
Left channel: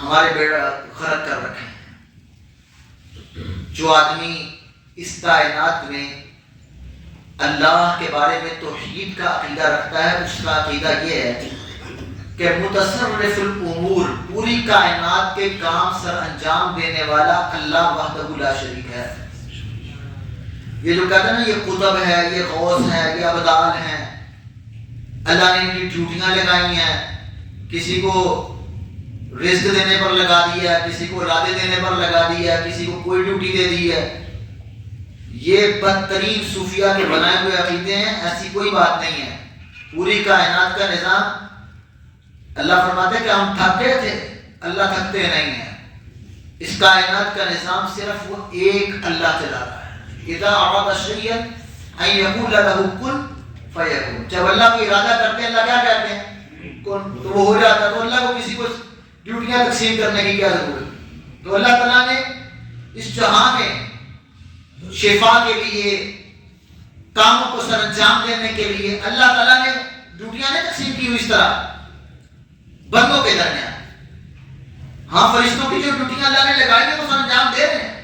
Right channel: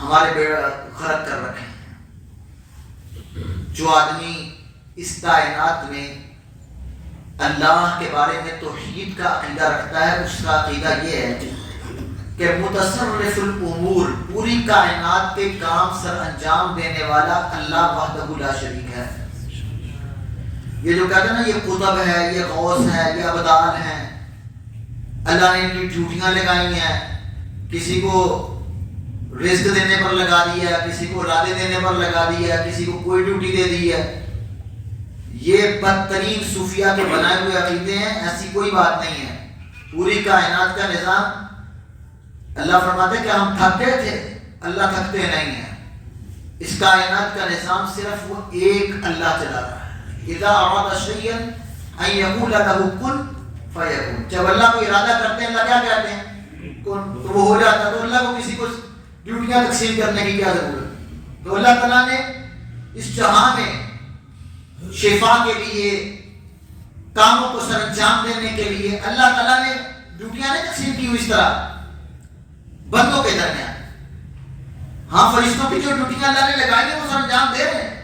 ہمارے بیڑا غرق کر رکھے ہیں. جو آدمی اس کائنات میں اللہ کے بارے میں توحید کا عقیدہ رکھتا ہے اس کا عقیدہ یہ ہے کہ متصرف الامور پوری کائنات کے کام سر انجام دینے والا اللہ وحدہ لا شریک ہے. یہ جو کہتے ہیں نا یہ قطب ہے یہ غوث ہے یہ ابدال ہیں اللہ نے ان کی ڈیوٹیاں لگائی ہیں. کسی کو رزق دینے پر لگا دیا ہے کسی کو اولادیں دینے پر لگا دیا ہے کسی کو کوئی ڈیوٹی دے دی ہے. یہ بدترین صوفیہ کے بنائے ہوئے عقیدے ہیں. ایسی کوئی بات نہیں ہے. پوری کائنات کا نظام اللہ فرماتے کہ ہم تھک گئے تھے. اللہ تھکتے نہیں ہیں. اس کائنات کا نظام صرف وہ ایک اللہ چلا رہا ہے. اذا اراد شیئا ان یقول له کن فیکون. جب اللہ کو ارادہ کرتے ہیں اللہ کیا کہتے ہیں کن تو وہ ہو جاتا. تو اللہ کو کسی کو ڈیوٹیاں تقسیم کرنے کی کیا ضرورت. تو اللہ تعالیٰ نے اس جہاں میں شفا کے لیے کاموں کو سر انجام دینے کے لیے اللہ تعالیٰ نے ڈیوٹیاں نہیں تقسیم کی ہوئی اس طرح بندوں کے درمیان. ہاں فرشتوں کی جو ڈیوٹیاں اللہ نے لگائی ہیں وہ سر انجام دے رہے ہیں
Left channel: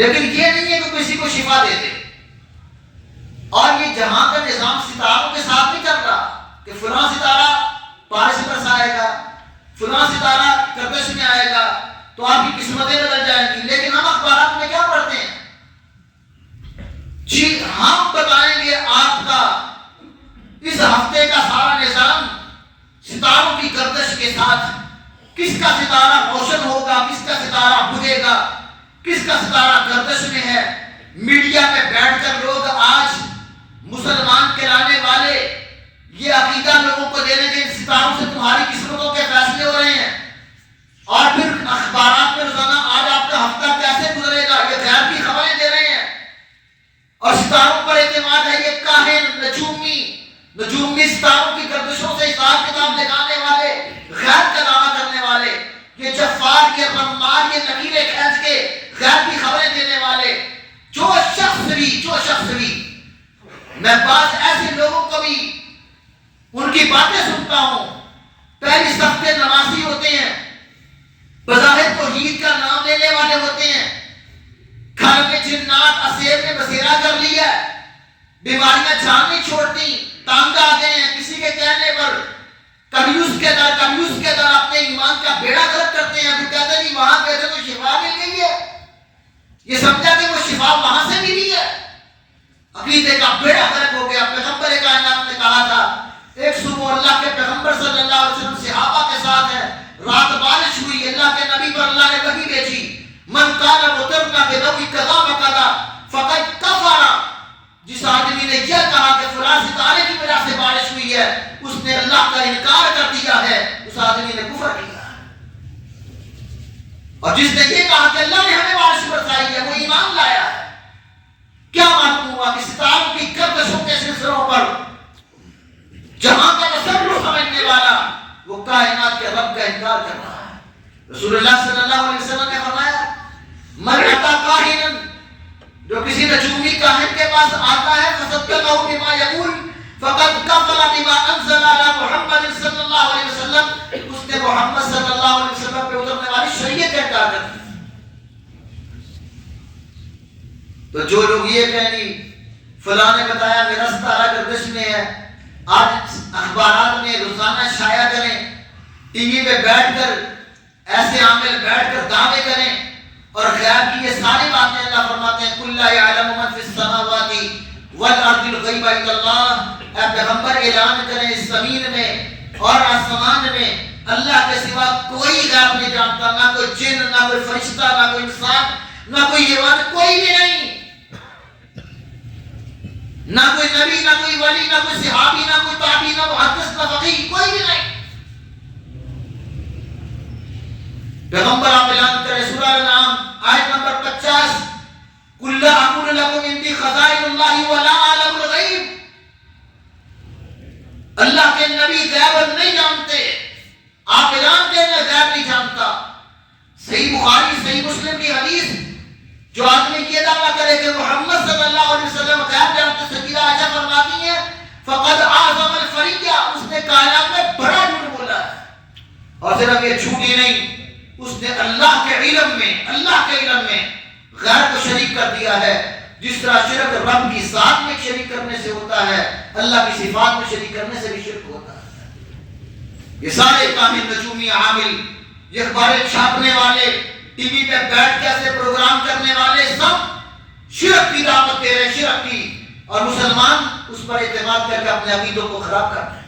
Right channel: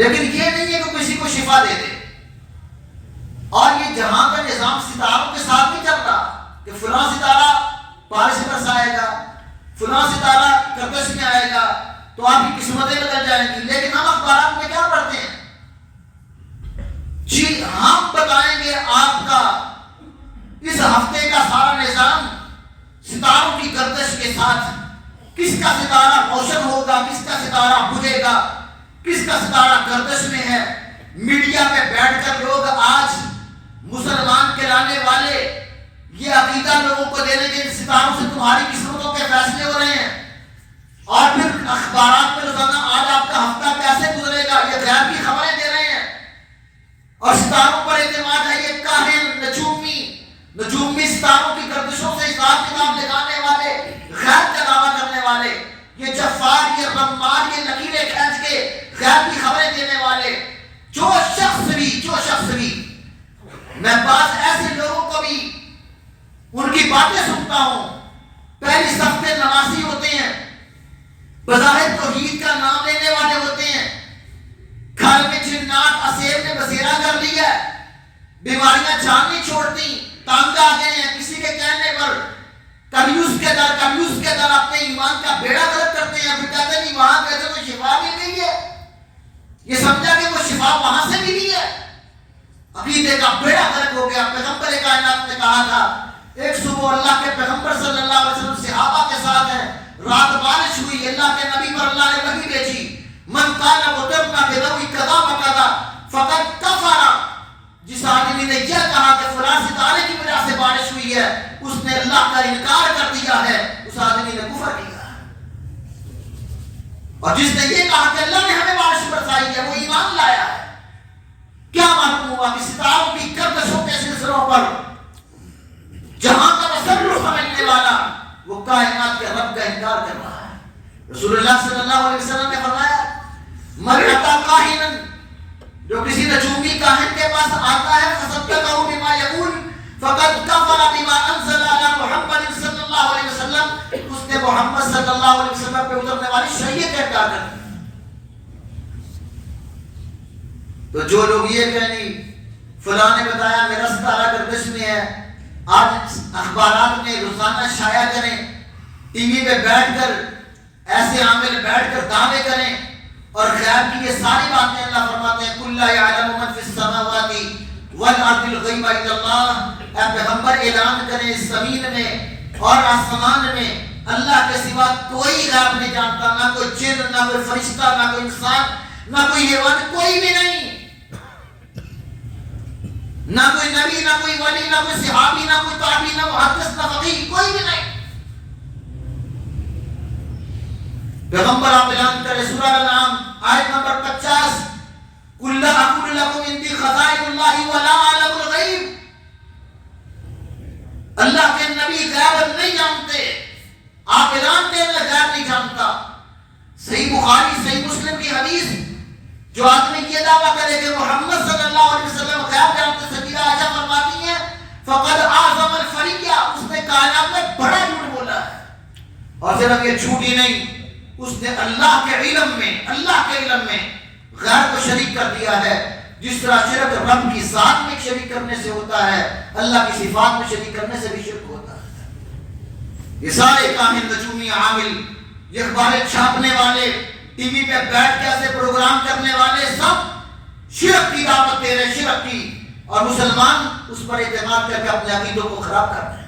لیکن یہ نہیں ہے کہ کسی کو شفا دے دے. اور یہ جہاں کا نظام ستاروں کے ساتھ نہیں چل رہا کہ فلاں ستارہ پارے سے برسائے گا فلاں ستارہ گردش میں آئے گا تو آپ کی قسمتیں بدل جائیں گی. لیکن ہم اخبارات میں کیا پڑھتے ہیں جی ہم بتائیں گے آپ کا اس ہفتے کا سارا نظام ستاروں کی گردش کے ساتھ کس کا ستارہ روشن ہوگا کس کا ستارہ بجھے گا کس کا ستارہ گردش میں ہے. میڈیا میں بیٹھ کر لوگ آج مسلمان کہلانے والے یہ عقیدہ لوگوں کو دینے کے ستاروں سے تمہاری قسمتوں کے فیصلے ہو رہے ہیں. اور پھر اخبارات میں روزانہ آج آپ کا ہفتہ کیسے گزرے گا یہ غیر کی خبریں دے رہے ہیں، اور ستاروں پر اعتماد ہے، یہ کاہن نجومی ستاروں کی گردشوں سے حساب کتاب لگانے والے، غیر کا دعویٰ کرنے والے، یہ جفار، یہ رمار، یہ لکیریں کھینچ کے غیر کی خبریں دینے والے، جو شخص بھی میں بعض ایسے لوگوں کو بھی ان کی باتیں سنتا ہوں، پہلی صف کے نمازی ہوتے ہیں، بظاہر توحید کا نام لینے والے ہوتے ہیں، گھر میں جنات اسیر نے بسیرا کر لیا، بیماریاں جان نہیں چھوڑتی، تنگ آ گئے ہیں، کسی کے کہنے پر کنیوز کے در اپنے ایمان کا بیڑا غرق کرتے ہیں، پھر کہتے ہیں وہاں گئے تھے تو شفا مل گئی ہے، یہ سمجھا کہ وہ شفا وہاں سے ملی ہے، عقیدے کا بیڑا غرق ہو گیا۔ پیغمبر کائنات نے کہا تھا، ایک صبح اللہ کے پیغمبر صلی اللہ علیہ وسلم صحابہ کے ساتھ ہیں، رات بارش ہوئی، اللہ کے نبی پر اللہ نے وحی بھیجی، من قال مطرنا بنوء کذا وکذا فقد کفر، جس آدمی نے یہ کہا کہ فلاں ستارے کی وجہ سے بارش ہوئی ہے، اس نے اللہ کا انکار کر دیا ہے، اس آدمی نے کفر کیا، اور جس نے یہ کہا کہ اللہ نے ہمیں بارش برسائی ہے، وہ ایمان لایا ہے۔ کیا معلوم ہوا کہ ستاروں کی گردشوں کے سلسلوں پر جہاں کا تصرف سمجھنے والا وہ کائنات کے رب کا انکار کر رہا ہے۔ رسول اللہ صلی اللہ علیہ وسلم نے فرمایا، من اتی کاہنا، جو کسی نجومی کاہن کے پاس آتا ہے، فصدقہ بما یقول فقد کفر بما انزل علی محمد صلی اللہ علیہ وسلم، اس نے محمد صلی اللہ علیہ وسلم پہ اترنے والی شریعت کا انکار کر دیا۔ تو جو لوگ یہ کہیں فلاں نے بتایا میرا ستارہ گردش میں ہے، آج اخبارات میں روزانہ شائع کریں، ٹی وی پہ بیٹھ کر ایسے عامل بیٹھ کر دعوے کریں، اور غیب کی یہ ساری باتیں اللہ فرماتے ہیں قُلْ لَا يَعْلَمُ مَنْ فِي السَّمَاوَاتِ وَالْأَرْضِ الْغَيْبَ إِلَّا اللَّهُ، اے پیغمبر اعلان کریں اس زمین میں اور آسمان میں اللہ کے سوا کوئی غیب نہیں جانتا، نہ کوئی جن، نہ کوئی فرشتہ، نہ کوئی انسان، نہ کوئی حیوان، کوئی بھی نہیں، نہ کوئی نبی، نہ کوئی ولی، نہ کوئی صحابی، نہ کوئی تابعی، نہ محدث، نہ فقیہ، کوئی بھی نہیں۔ پیغمبر آپ اعلان کریں سورہ الانعام آیت نمبر 50، قُلْ لَا أَقُولُ لَكُمْ عِندِي خَزَائِنُ اللَّهِ وَلَا أَعْلَمُ الْغَيْبَ، اللہ کے نبی غیب نہیں جانتے، آپ اعلان کریں غیب نہیں جانتا۔ صحیح بخاری صحیح مسلم کی حدیث، جو آدمی یہ دعویٰ کرے کہ محمد صلی اللہ علیہ وسلم غیب جانتے، سیدہ عائشہ فرماتی ہیں فقد اعظم الفریہ، اس نے کائنات میں بڑا جھوٹ بولا ہے، اور صرف یہ جھوٹ ہی نہیں، اس نے اللہ کے علم میں غیر کو شریک کر دیا ہے، جس طرح شرک رب کی ذات میں شریک کرنے سے ہوتا ہے، اللہ کی صفات میں شریک کرنے سے بھی شرک ہوتا ہے۔ یہ سارے کامل نجومی عامل، یہ اخباریں چھاپنے والے، ٹی وی پہ بیٹھ کے ایسے پروگرام کرنے والے، سب شرک کی دعوت دے رہے، شرک کی، اور مسلمان اس پر اعتماد کر کے اپنے عقیدوں کو خراب کر رہے ہیں۔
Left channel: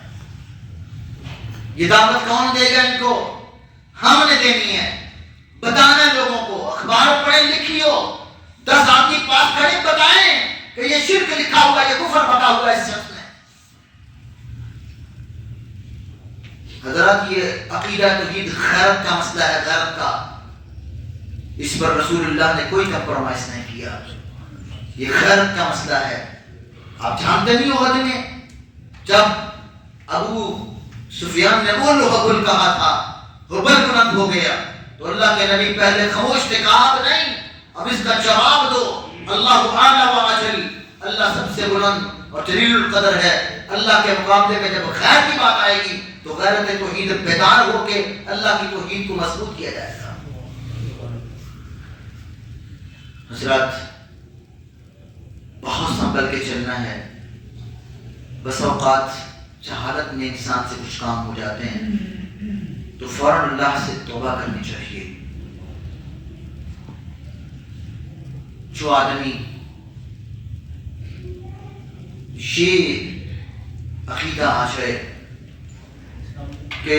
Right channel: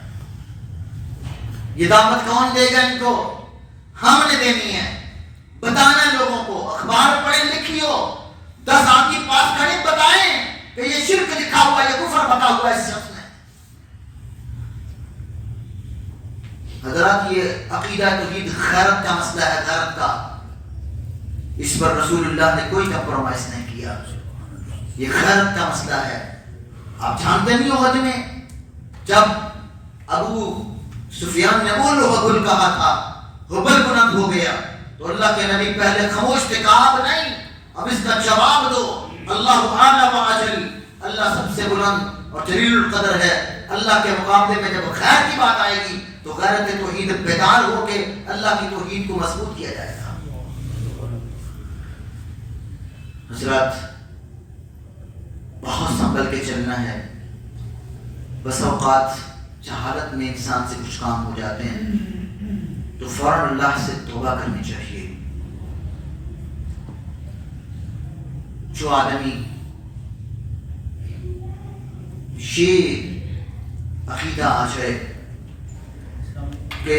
یہ دعوت کون دے گا ان کو؟ ہم نے دینی ہے، بتانا لوگوں کو، اخبار پڑھیں لکھیو، 10 آدمی پاس کھڑے بتائیں کہ یہ شرک لکھا ہوا، یہ کفر بتا ہوا ہے اس شخص نے۔ حضرات یہ عقیدہ توحید غیرت کا مسئلہ ہے، غیرت کا، اس پر رسول اللہ نے کوئی کمپرومائز نہیں کیا، یہ غیرت کا مسئلہ ہے۔ آپ جانتے نہیں ہو غزوے میں جب ابو سفیان نے وہ ہبل کہا تھا، ہبل بلند ہو گیا، تو اللہ کے نبی پہلے خاموش تھے، کہا اب نہیں، اب اس کا جواب دو، اللہ اعلی و اجل، اللہ سب سے بلند اور جلیل القدر ہے، اللہ کے مقابلے میں جب خیر کی بات آئے گی تو غیرت توحید بیدار ہو کے اللہ کی توحید کو مضبوط کیا جائے گا۔ حضرات بہت سنبھل کے چلنا ہے، بس اوقات جہالت میں انسان سے کچھ کام ہو جاتے ہیں تو فوراً اللہ سے توبہ کرنی چاہیے۔ جو آدمی یہ عقیدہ آ جائے کہ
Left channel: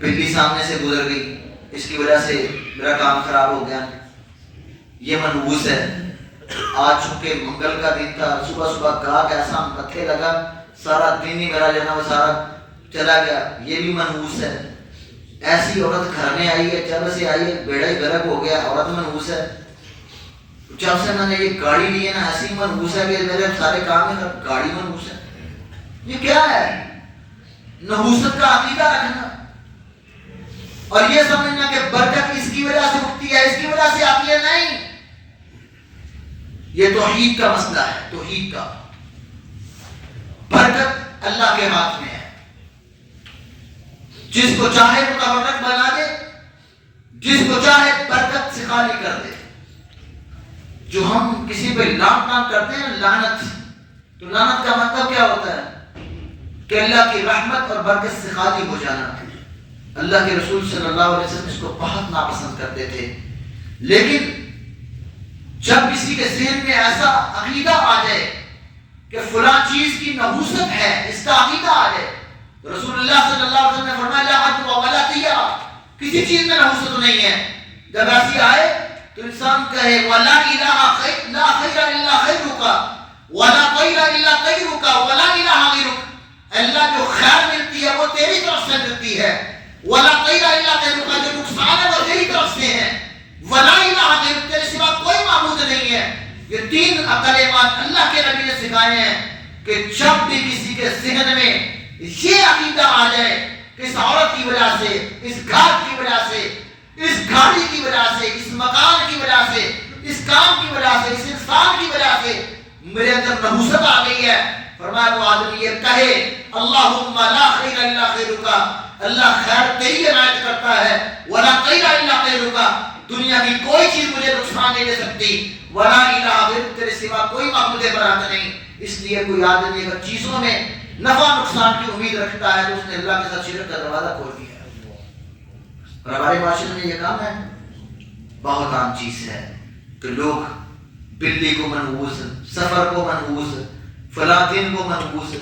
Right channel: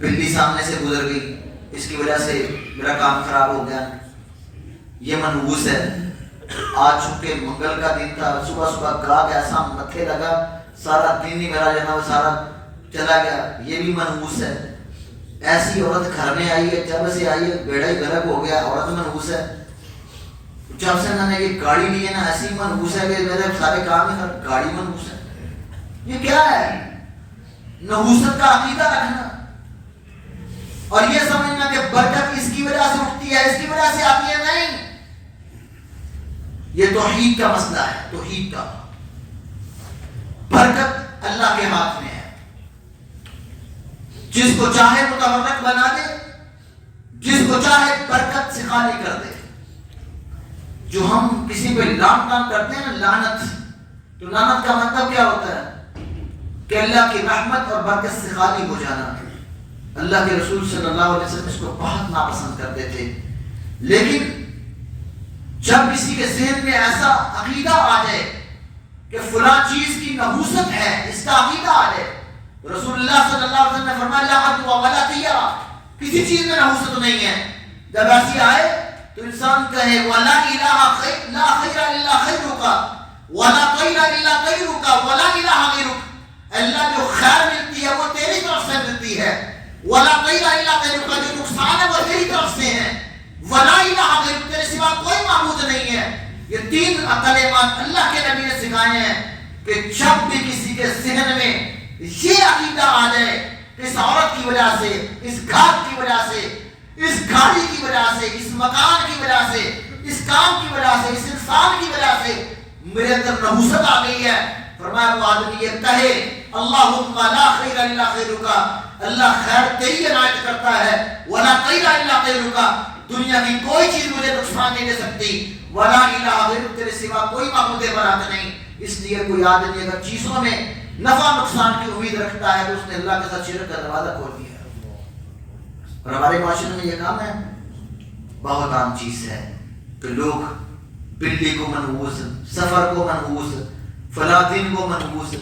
بلی سامنے سے گزر گئی، اس کی وجہ سے میرا کام خراب ہو گیا، یہ منحوس ہے، آج چونکہ منگل کا دن تھا، صبح صبح گاہ ایسا متھے لگا، سارا دن ہی میرا جو ہے نا وہ سارا چلا گیا، یہ بھی منحوس ہے۔ ایسی عورت گھر میں آئی ہے، جب سے آئی ہے بیڑا ہی غرق ہو گیا، عورت منحوس ہے. جب سے میں نے یہ گاڑی لی ہے نا ایسی منحوس ہے کہ میرے سارے کام ہے گاڑی منحوس ہے. یہ کیا ہے؟ نحوست کا عقیدہ رکھنا اور یہ سمجھنا کہ برکت اس کی وجہ سے اٹھتی ہے، اس کی وجہ سے آتی ہے. نہیں، یہ توحید کا مسئلہ ہے. توحید کا برکت اللہ کے ہاتھ میں ہے. جس کو چاہے متبرک بنا دے، جس کو چاہے برکت سے خالی کر دے. جو ہم کسی پہ لام ٹام کرتے ہیں لعنت، تو لعنت کا مطلب کیا ہوتا ہے؟ کہ اللہ کی رحمت اور برکت سے خالی ہو جانا. اللہ کے رسول صلی اللہ علیہ وسلم اس کو بہت ناپسند کرتے تھے. لیکن جب کسی کے ذہن میں ایسا عقیدہ آ جائے کہ فلاں چیز کی نحوست ہے، اس کا عقیدہ آ جائے، رسول اللہ صلی اللہ علیہ وسلم نے فرمایا لا حد ولا طیرہ، کسی چیز میں نحوست نہیں ہے. جب ایسی آئے تو انسان کہے ولا الہ خیر لا خیر الا خیرک ولا خیر الا خیرک ولا الہ غیرک. اللہ جو خیر ملتی ہے وہ تیری طرف سے ملتی ہے، ولا خیر الا خیرک، جو نقصان ہے وہ تیری طرف سے ہے، ولا الہ غیرک، تیرے سوا کوئی معبود نہیں ہے. یہ تین کلمات اللہ کے نبی نے سکھائے ہیں کہ جب بھی کسی کے ذہن میں یہ عقیدہ آ جائے کہ اس عورت کی وجہ سے، اس گھر کی وجہ سے، اس گاڑی کی وجہ سے، اس مکان کی وجہ سے، اس کام کی وجہ سے، اس انسان کی وجہ سے میرے اندر نحوست آ گئی ہے، فرمایا وہ آدمی یہ کہے اللہم لا خیر الا خیرک، اللہ خیر تیری عنایت کرتا ہے، ولا خیر الا خیرک، دنیا کی کوئی چیز مجھے نقصان نہیں دے سکتی، ولا الہ غیرک، تیرے سوا کوئی معبود برحق نہیں. اس لیے کوئی آدمی اگر چیزوں میں نفع نقصان کی امید رکھتا ہے تو اس نے اللہ کے ساتھ شرک کا دروازہ کھول دیا ہے. اور ہمارے معاشرے میں یہ کام ہے، بہت عام چیز ہے کہ لوگ بلی کو منحوس، سفر کو منحوس، فلاں دن کو منحوس،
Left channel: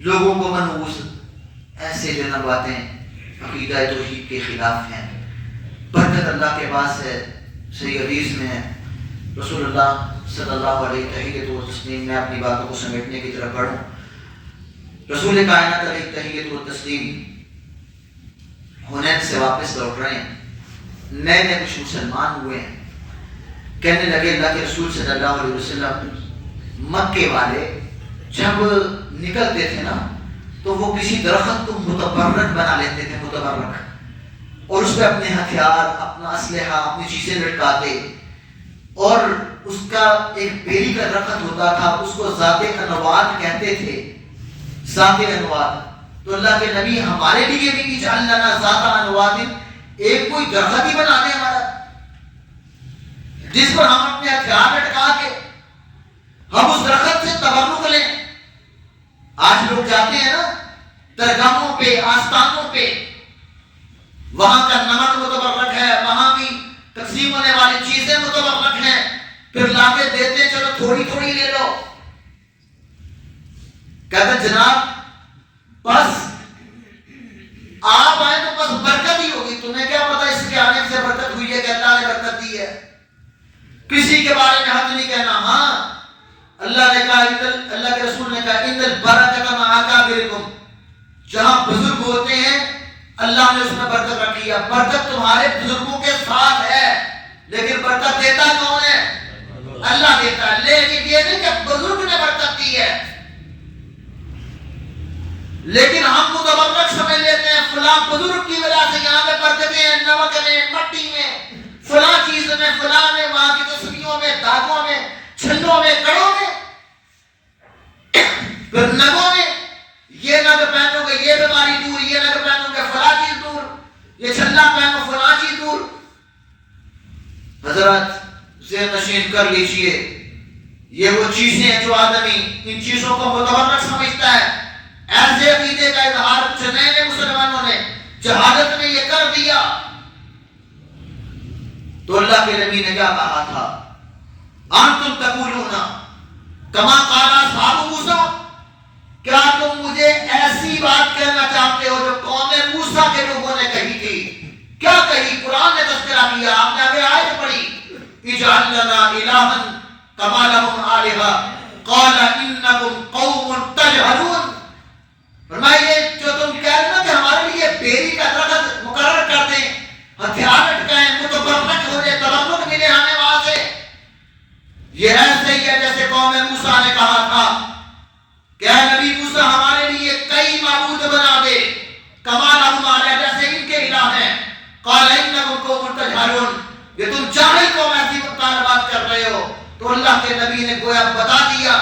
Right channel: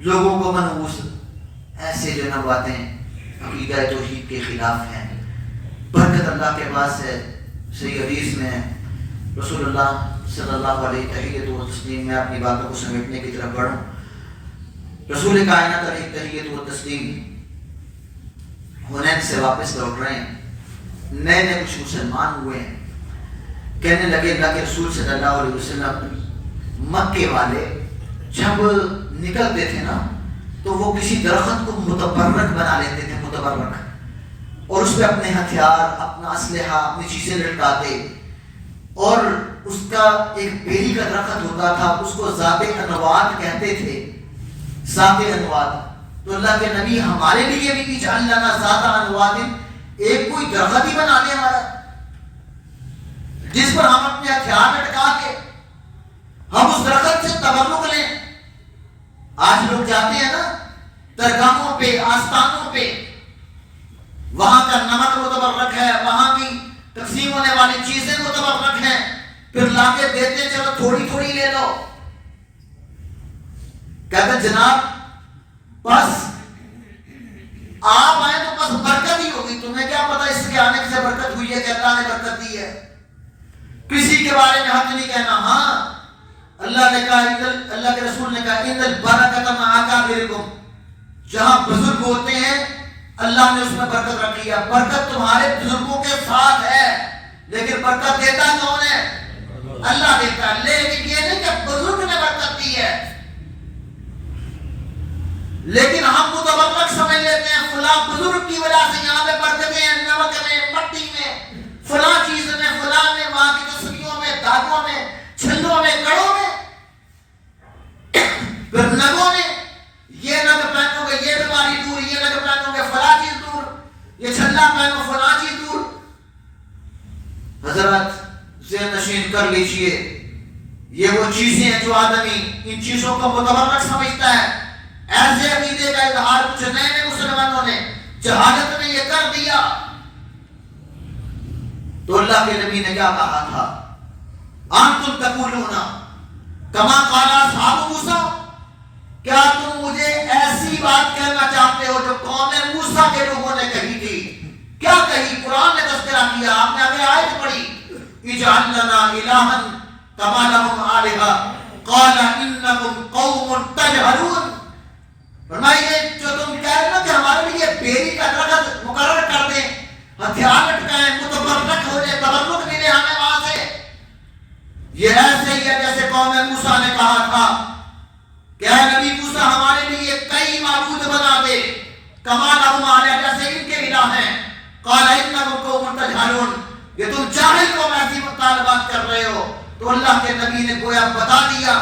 لوگوں کو منحوس، ایسے جو نہ باتیں عقیدہ توحید کے خلاف ہیں. برکت اللہ کے پاس ہے. صحیح حدیث میں رسول اللہ صلی اللہ علیہ تحیت و تسلیم، میں اپنی باتوں کو سمیٹنے کی طرف بڑھوں. رسول کائنات علیہ تحیت و تسلیم حنین سے واپس لوٹ رہے ہیں. نئے نئے کچھ مسلمان ہوئے ہیں. کہنے لگے اللہ کے رسول صلی اللہ علیہ وسلم مکے والے جب نکلتے تھے نا تو وہ کسی درخت کو متبرک بنا لیتے تھے، متبرک، اور اس پہ اپنے ہتھیار، اپنا اسلحہ، اپنی چیزیں لٹکاتے. اور اس کا ایک بیری کا درخت ہوتا تھا، اس کو ذات انواد کہتے تھے، ذات انواد. تو اللہ کے نبی ہمارے لیے بھی اجعل لنا ذات انواد، ایک کوئی درخت ہی بنا دے ہمارا جس پر ہم اپنے ہتھیار لٹکا کے ہم اس درخت سے تبرک لیں. آج لوگ جاتے ہیں نا درگاہوں پہ، آستانوں پہ، وہاں کا نمک متبرک ہے، وہاں کی تقسیم ہونے والی چیزیں متبرک ہیں، پھر لا کے دیتے چلو تھوڑی تھوڑی لے لو. کہتے جناب بس آپ آئے تو بس برکت ہی ہوگی، تمہیں کیا پتا اس کے آنے سے برکت ہوئی ہے کہ اللہ نے برکت دی ہے. کسی کے بارے میں حق نہیں کہنا. ہاں اللہ نے کہا، اللہ کے رسول نے کہا ان البرکۃ مع اکابرکم، جہاں بزرگ ہوتے ہیں اللہ نے اس میں برکت رکھی ہے. برکت تمہارے بزرگوں کے ساتھ ہے، لیکن برکت دیتا کون ہے؟ اللہ دیتا ہے. لیکن یہ نہیں کہ بزرگ نے برکت دی ہے. لیکن ہم متبرک سمجھ لیتے ہیں فلاں بزرگ کی وجہ سے یہاں پہ برکتیں ہیں، نمک میں، مٹی میں، فلاں چیز میں، فلاں میں، وہاں کی تسبیحوں میں، دھاگوں میں، چھلوں میں، کڑوں میں، پھر نگوں میں. یہ نگ پہنو گے یہ بیماری دور، یہ نگ پہنو گے فلاں چیز دور، یہ چھلا پہنو فلاں چیز دور. حضرت ذہن نشین کر لیجئے، یہ وہ چیزیں ہیں جو آدمی ان چیزوں کو متبرک سمجھتا ہے. ایسے عقیدے کا اظہار کچھ نئے نئے مسلمانوں نے جہالت میں یہ کر دیا. تو اللہ کے نبی نے کیا کہا تھا؟ انتم تقولون کما قال اصحاب موسیٰ، کیا تم مجھے ایسی بات کہنا چاہتے ہو جو قوم موسیٰ کے لوگوں نے کہی تھی؟ کیا کہی؟ قرآن نے تذکرہ کیا، آپ نے ابھی آیت پڑھی اجعل لنا الہا کما لہم آلہہ قال انکم قوم تجہلون. فرمائیے جو تم کہہ رہے ہو کہ ہمارے لیے بیری کا درخت مقرر تھا کہ اے نبی موسیٰ ہمارے لیے کئی معبود بنا دے کما لہم آلیہ جیسے ان کے الہ ہیں. قال انکم قوم تجہلون کہ تم جاہل قوم ایسی مطالبات کر رہے ہو. تو اللہ کے نبی نے گویا بتا دیا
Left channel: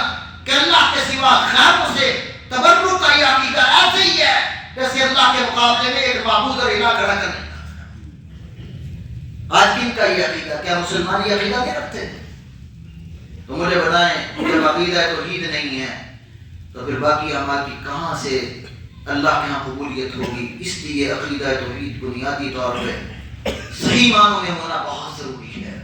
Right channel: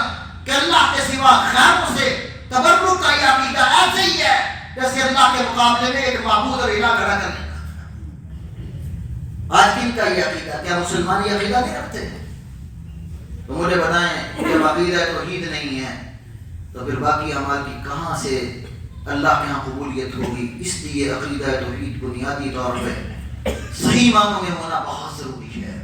کہ اللہ کے سوا غیروں سے تبرک کا یہ عقیدہ ایسے ہی ہے جیسے اللہ کے مقابلے میں ایک معبود اور الہ کھڑا کرنے. آج کن کا یہ عقیدہ؟ کیا مسلمان یہ عقیدہ نہیں رکھتے؟ تو مجھے بتائیں جب عقیدہ توحید نہیں ہے تو پھر باقی اعمال کی کہاں سے اللہ کے ہاں قبولیت ہوگی؟ اس لیے عقیدہ توحید بنیادی طور پہ صحیح معنوں میں ہونا بہت ضروری ہے.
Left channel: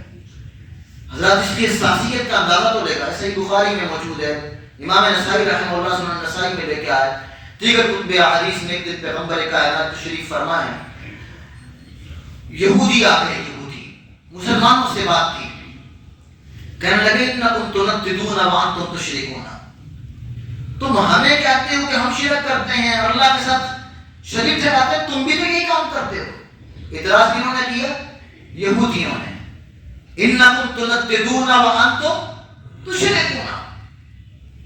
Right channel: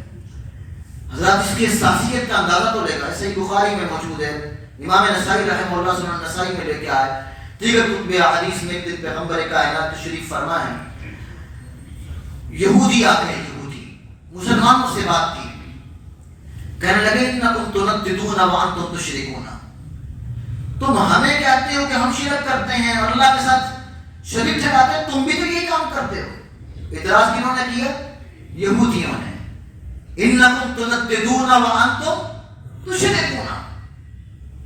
حضرات اس کی حساسیت کا اندازہ تو لے گا. صحیح بخاری میں موجود ہے, امام نسائی رحمہ اللہ سنن نسائی میں لے کے آئے, دیگر کتب احادیث میں ایک دن پیغمبر کائنات تشریف فرما ہے, یہودی آتے ہیں, یہودی مسلمانوں سے بات کی, کہنے لگے انکم تنددون وانتم تشرکون, تم ہمیں کہتے ہو کہ ہم شرک کرتے ہیں اور اللہ کے ساتھ شریک ٹھہراتے ہیں, تم بھی تو یہی کام کرتے ہو. اعتراض کنہوں نے کیا؟ یہودیوں نے. انکم تنددون وانتم تشرکون,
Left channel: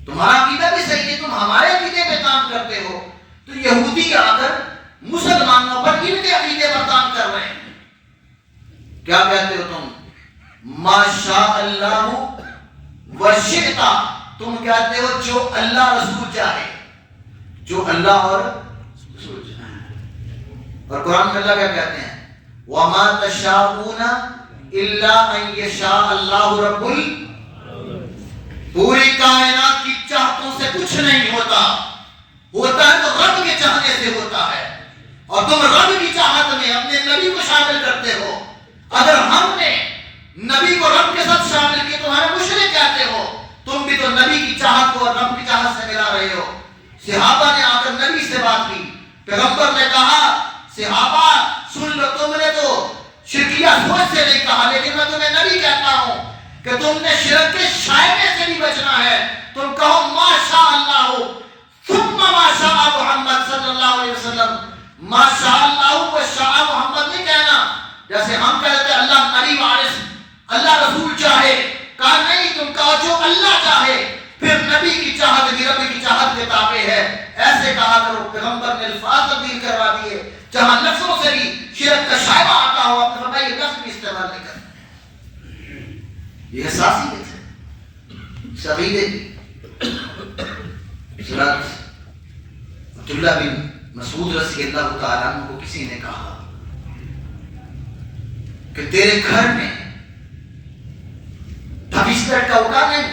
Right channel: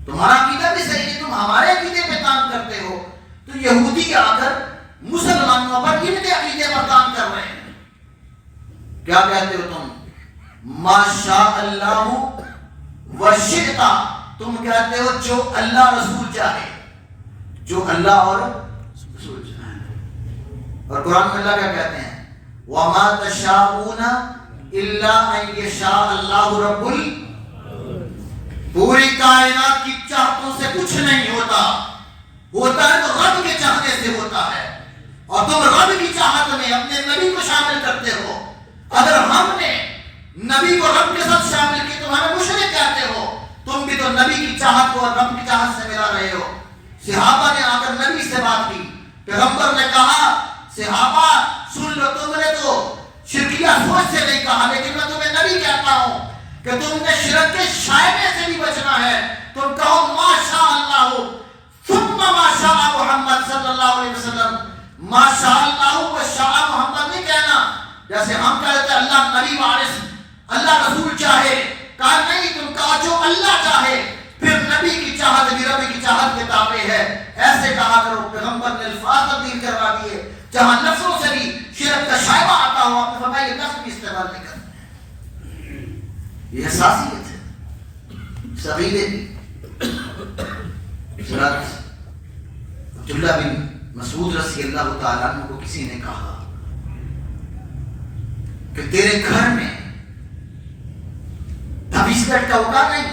تمہارا عقیدہ بھی صحیح ہے, تم ہمارے عقیدے پہ کام کرتے ہو. تو یہودی آ کر مسلمانوں پر ان کے عقیدے پر کام کر رہے ہیں. کیا کہتے ہو تم؟ ما شاء اللہ و شئت, تم کہتے ہو جو اللہ رسول چاہے, جو اللہ اور رسول چاہے. اور قرآن میں اللہ کیا کہتے ہیں؟ وما تشاءون الا ان یشاء اللہ رب پوری کائنات کی چاہتوں سے کچھ نہیں ہوتا, ہوتا ہے تو رب کے چاہنے سے ہوتا ہے. اور تم رب کی چاہت میں اپنے نبی کو شامل کرتے ہو. اگر ہم نے نبی کو رب کے ساتھ شامل کیا تو ہمیں مشرک کہتے ہو. تم بھی تو نبی کی چاہت کو اور رب کی چاہت سے ملا رہے ہو. صحابہ نے آ کر نبی سے بات کی, پیغمبر نے کہا صحابہ سن لو, تم نے تو شرکیہ سوچ سے نہیں کہا, لیکن میں تمہیں نبی کہتا ہوں کہ تم نے شرک کے شائبے سے بھی بچنا ہے. تم کہو ما شاء اللہ ثم ما شاء محمد صلی اللہ علیہ وسلم. ما شاء اللہ و شاء محمد نہیں کہنا جیسے ہم کہتے ہیں اللہ نبی وارث, اللہ رسول چاہے. کہا نہیں, تم کہو جو اللہ چاہے, پھر نبی کی چاہت بھی رب کی چاہت کے تابع ہے. ایسے کہا کرو. پیغمبر نے الفاظ تبدیل کروا دیے, جہاں لفظوں سے بھی شرک کا شائبہ آتا ہو آپ نے فرمایا یہ لفظ بھی استعمال نہیں کرنا. یہ حساسیت ہے سعیدے کی. عبداللہ بن مسعود رضی اللہ تعالیٰ عنہ کو کسی نے کہا کہ تیرے گھر میں بسکٹ کا اوکا نہیں.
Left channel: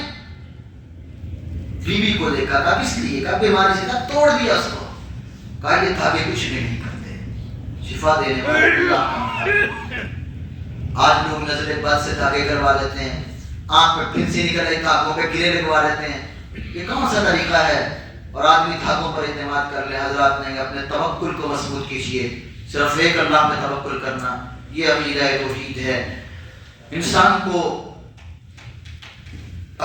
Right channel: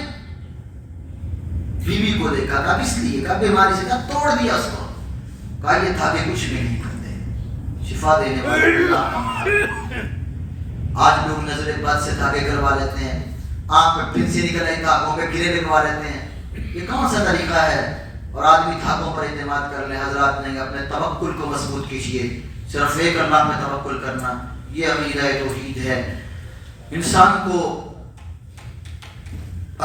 بیوی کو دیکھا, کہا کس لیے؟ کہا بیماری سے, کہا توڑ دیا اس کو. کہا یہ دھاگے کچھ نہیں کرتے, شفا دینے والے اللہ کا. آج لوگ نظر بد سے دھاگے کروا لیتے ہیں, آنکھ پہ پھنسی نکل رہی دھاگوں پہ گرے لگوا لیتے ہیں. یہ کون سا طریقہ ہے؟ اور آدمی دھاگوں پر اعتماد کر لے. حضرات نہیں, اپنے توکل کو مضبوط کیجیے, صرف ایک اللہ پہ توکل کرنا, یہ عقیدہ توحید ہے. انسان کو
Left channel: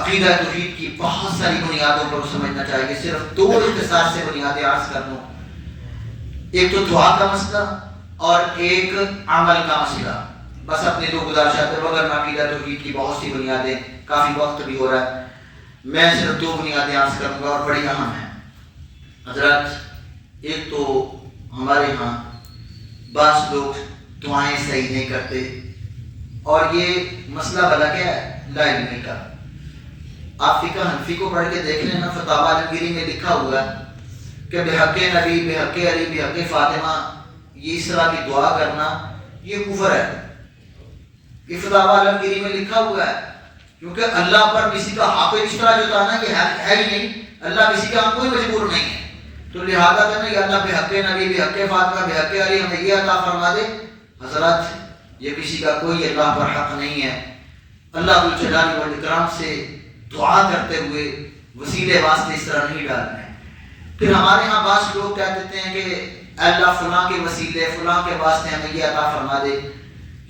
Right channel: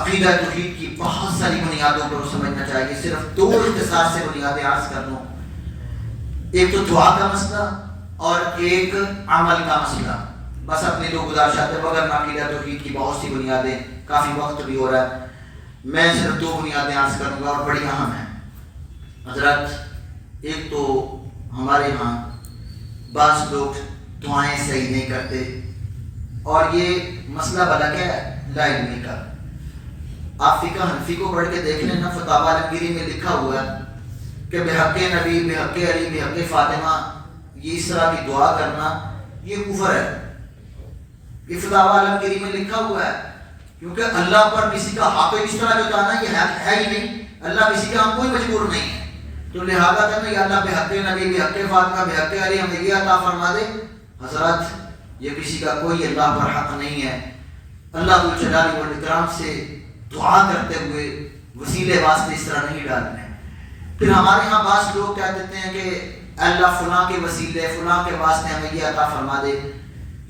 عقیدہ توحید کی بہت ساری بنیادوں پر سمجھنا چاہیے. صرف دو اختصار سے بنیادیں عرض کر دوں, ایک تو دعا کا مسئلہ اور ایک عمل کا مسئلہ. بس اپنے دو گزارشات پر بغیر عقیدہ توحید کی بہت سی بنیادیں, کافی وقت بھی ہو رہا ہے, میں صرف دو بنیادیں عرض کروں گا اور بڑی اہم ہیں. حضرات ایک تو ہمارے ہاں بعض لوگ دعائیں صحیح نہیں کرتے, اور یہ مسئلہ بھلا کیا ہے؟ لا علمی کا. آپ فقہ حنفی کو پڑھ کے دیکھ لینا, فتاوی عالمگیری میں لکھا ہوا ہے کہ بحق نبی, بحق علی, بحق فاطمہ, یہ اس طرح کی دعا کرنا یہ کفر ہے. یہ فتاوی عالمگیری میں لکھا ہوا ہے, کیونکہ اللہ پر کسی کا حق اس طرح جتانا یہ ہے ہی نہیں. اللہ کسی کا کوئی مجبور نہیں ہے, تو لہذا کرنا کہ اللہ بحق نبی, بحق فاطمہ, بحق علی ہمیں یہ عطا فرما دے. حضرات یہ کسی کا کوئی اللہ پر حق نہیں ہے. اللہ ذوالجلال والاکرام سے دعا کرتے ہوئے وسیلے واسطے اس طرح نہیں ڈالنے. پھر ہمارے ہاں بعض لوگ کہہ دیتے ہیں کہ اللہ فلاں کے وسیلے, فلاں کے واسطے ہمیں یہ عطا فرما دے.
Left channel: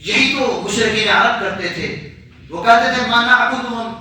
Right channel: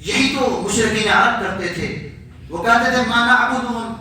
یہی تو مشرکین عرب کرتے تھے. وہ کہتے تھے ما نعبدهم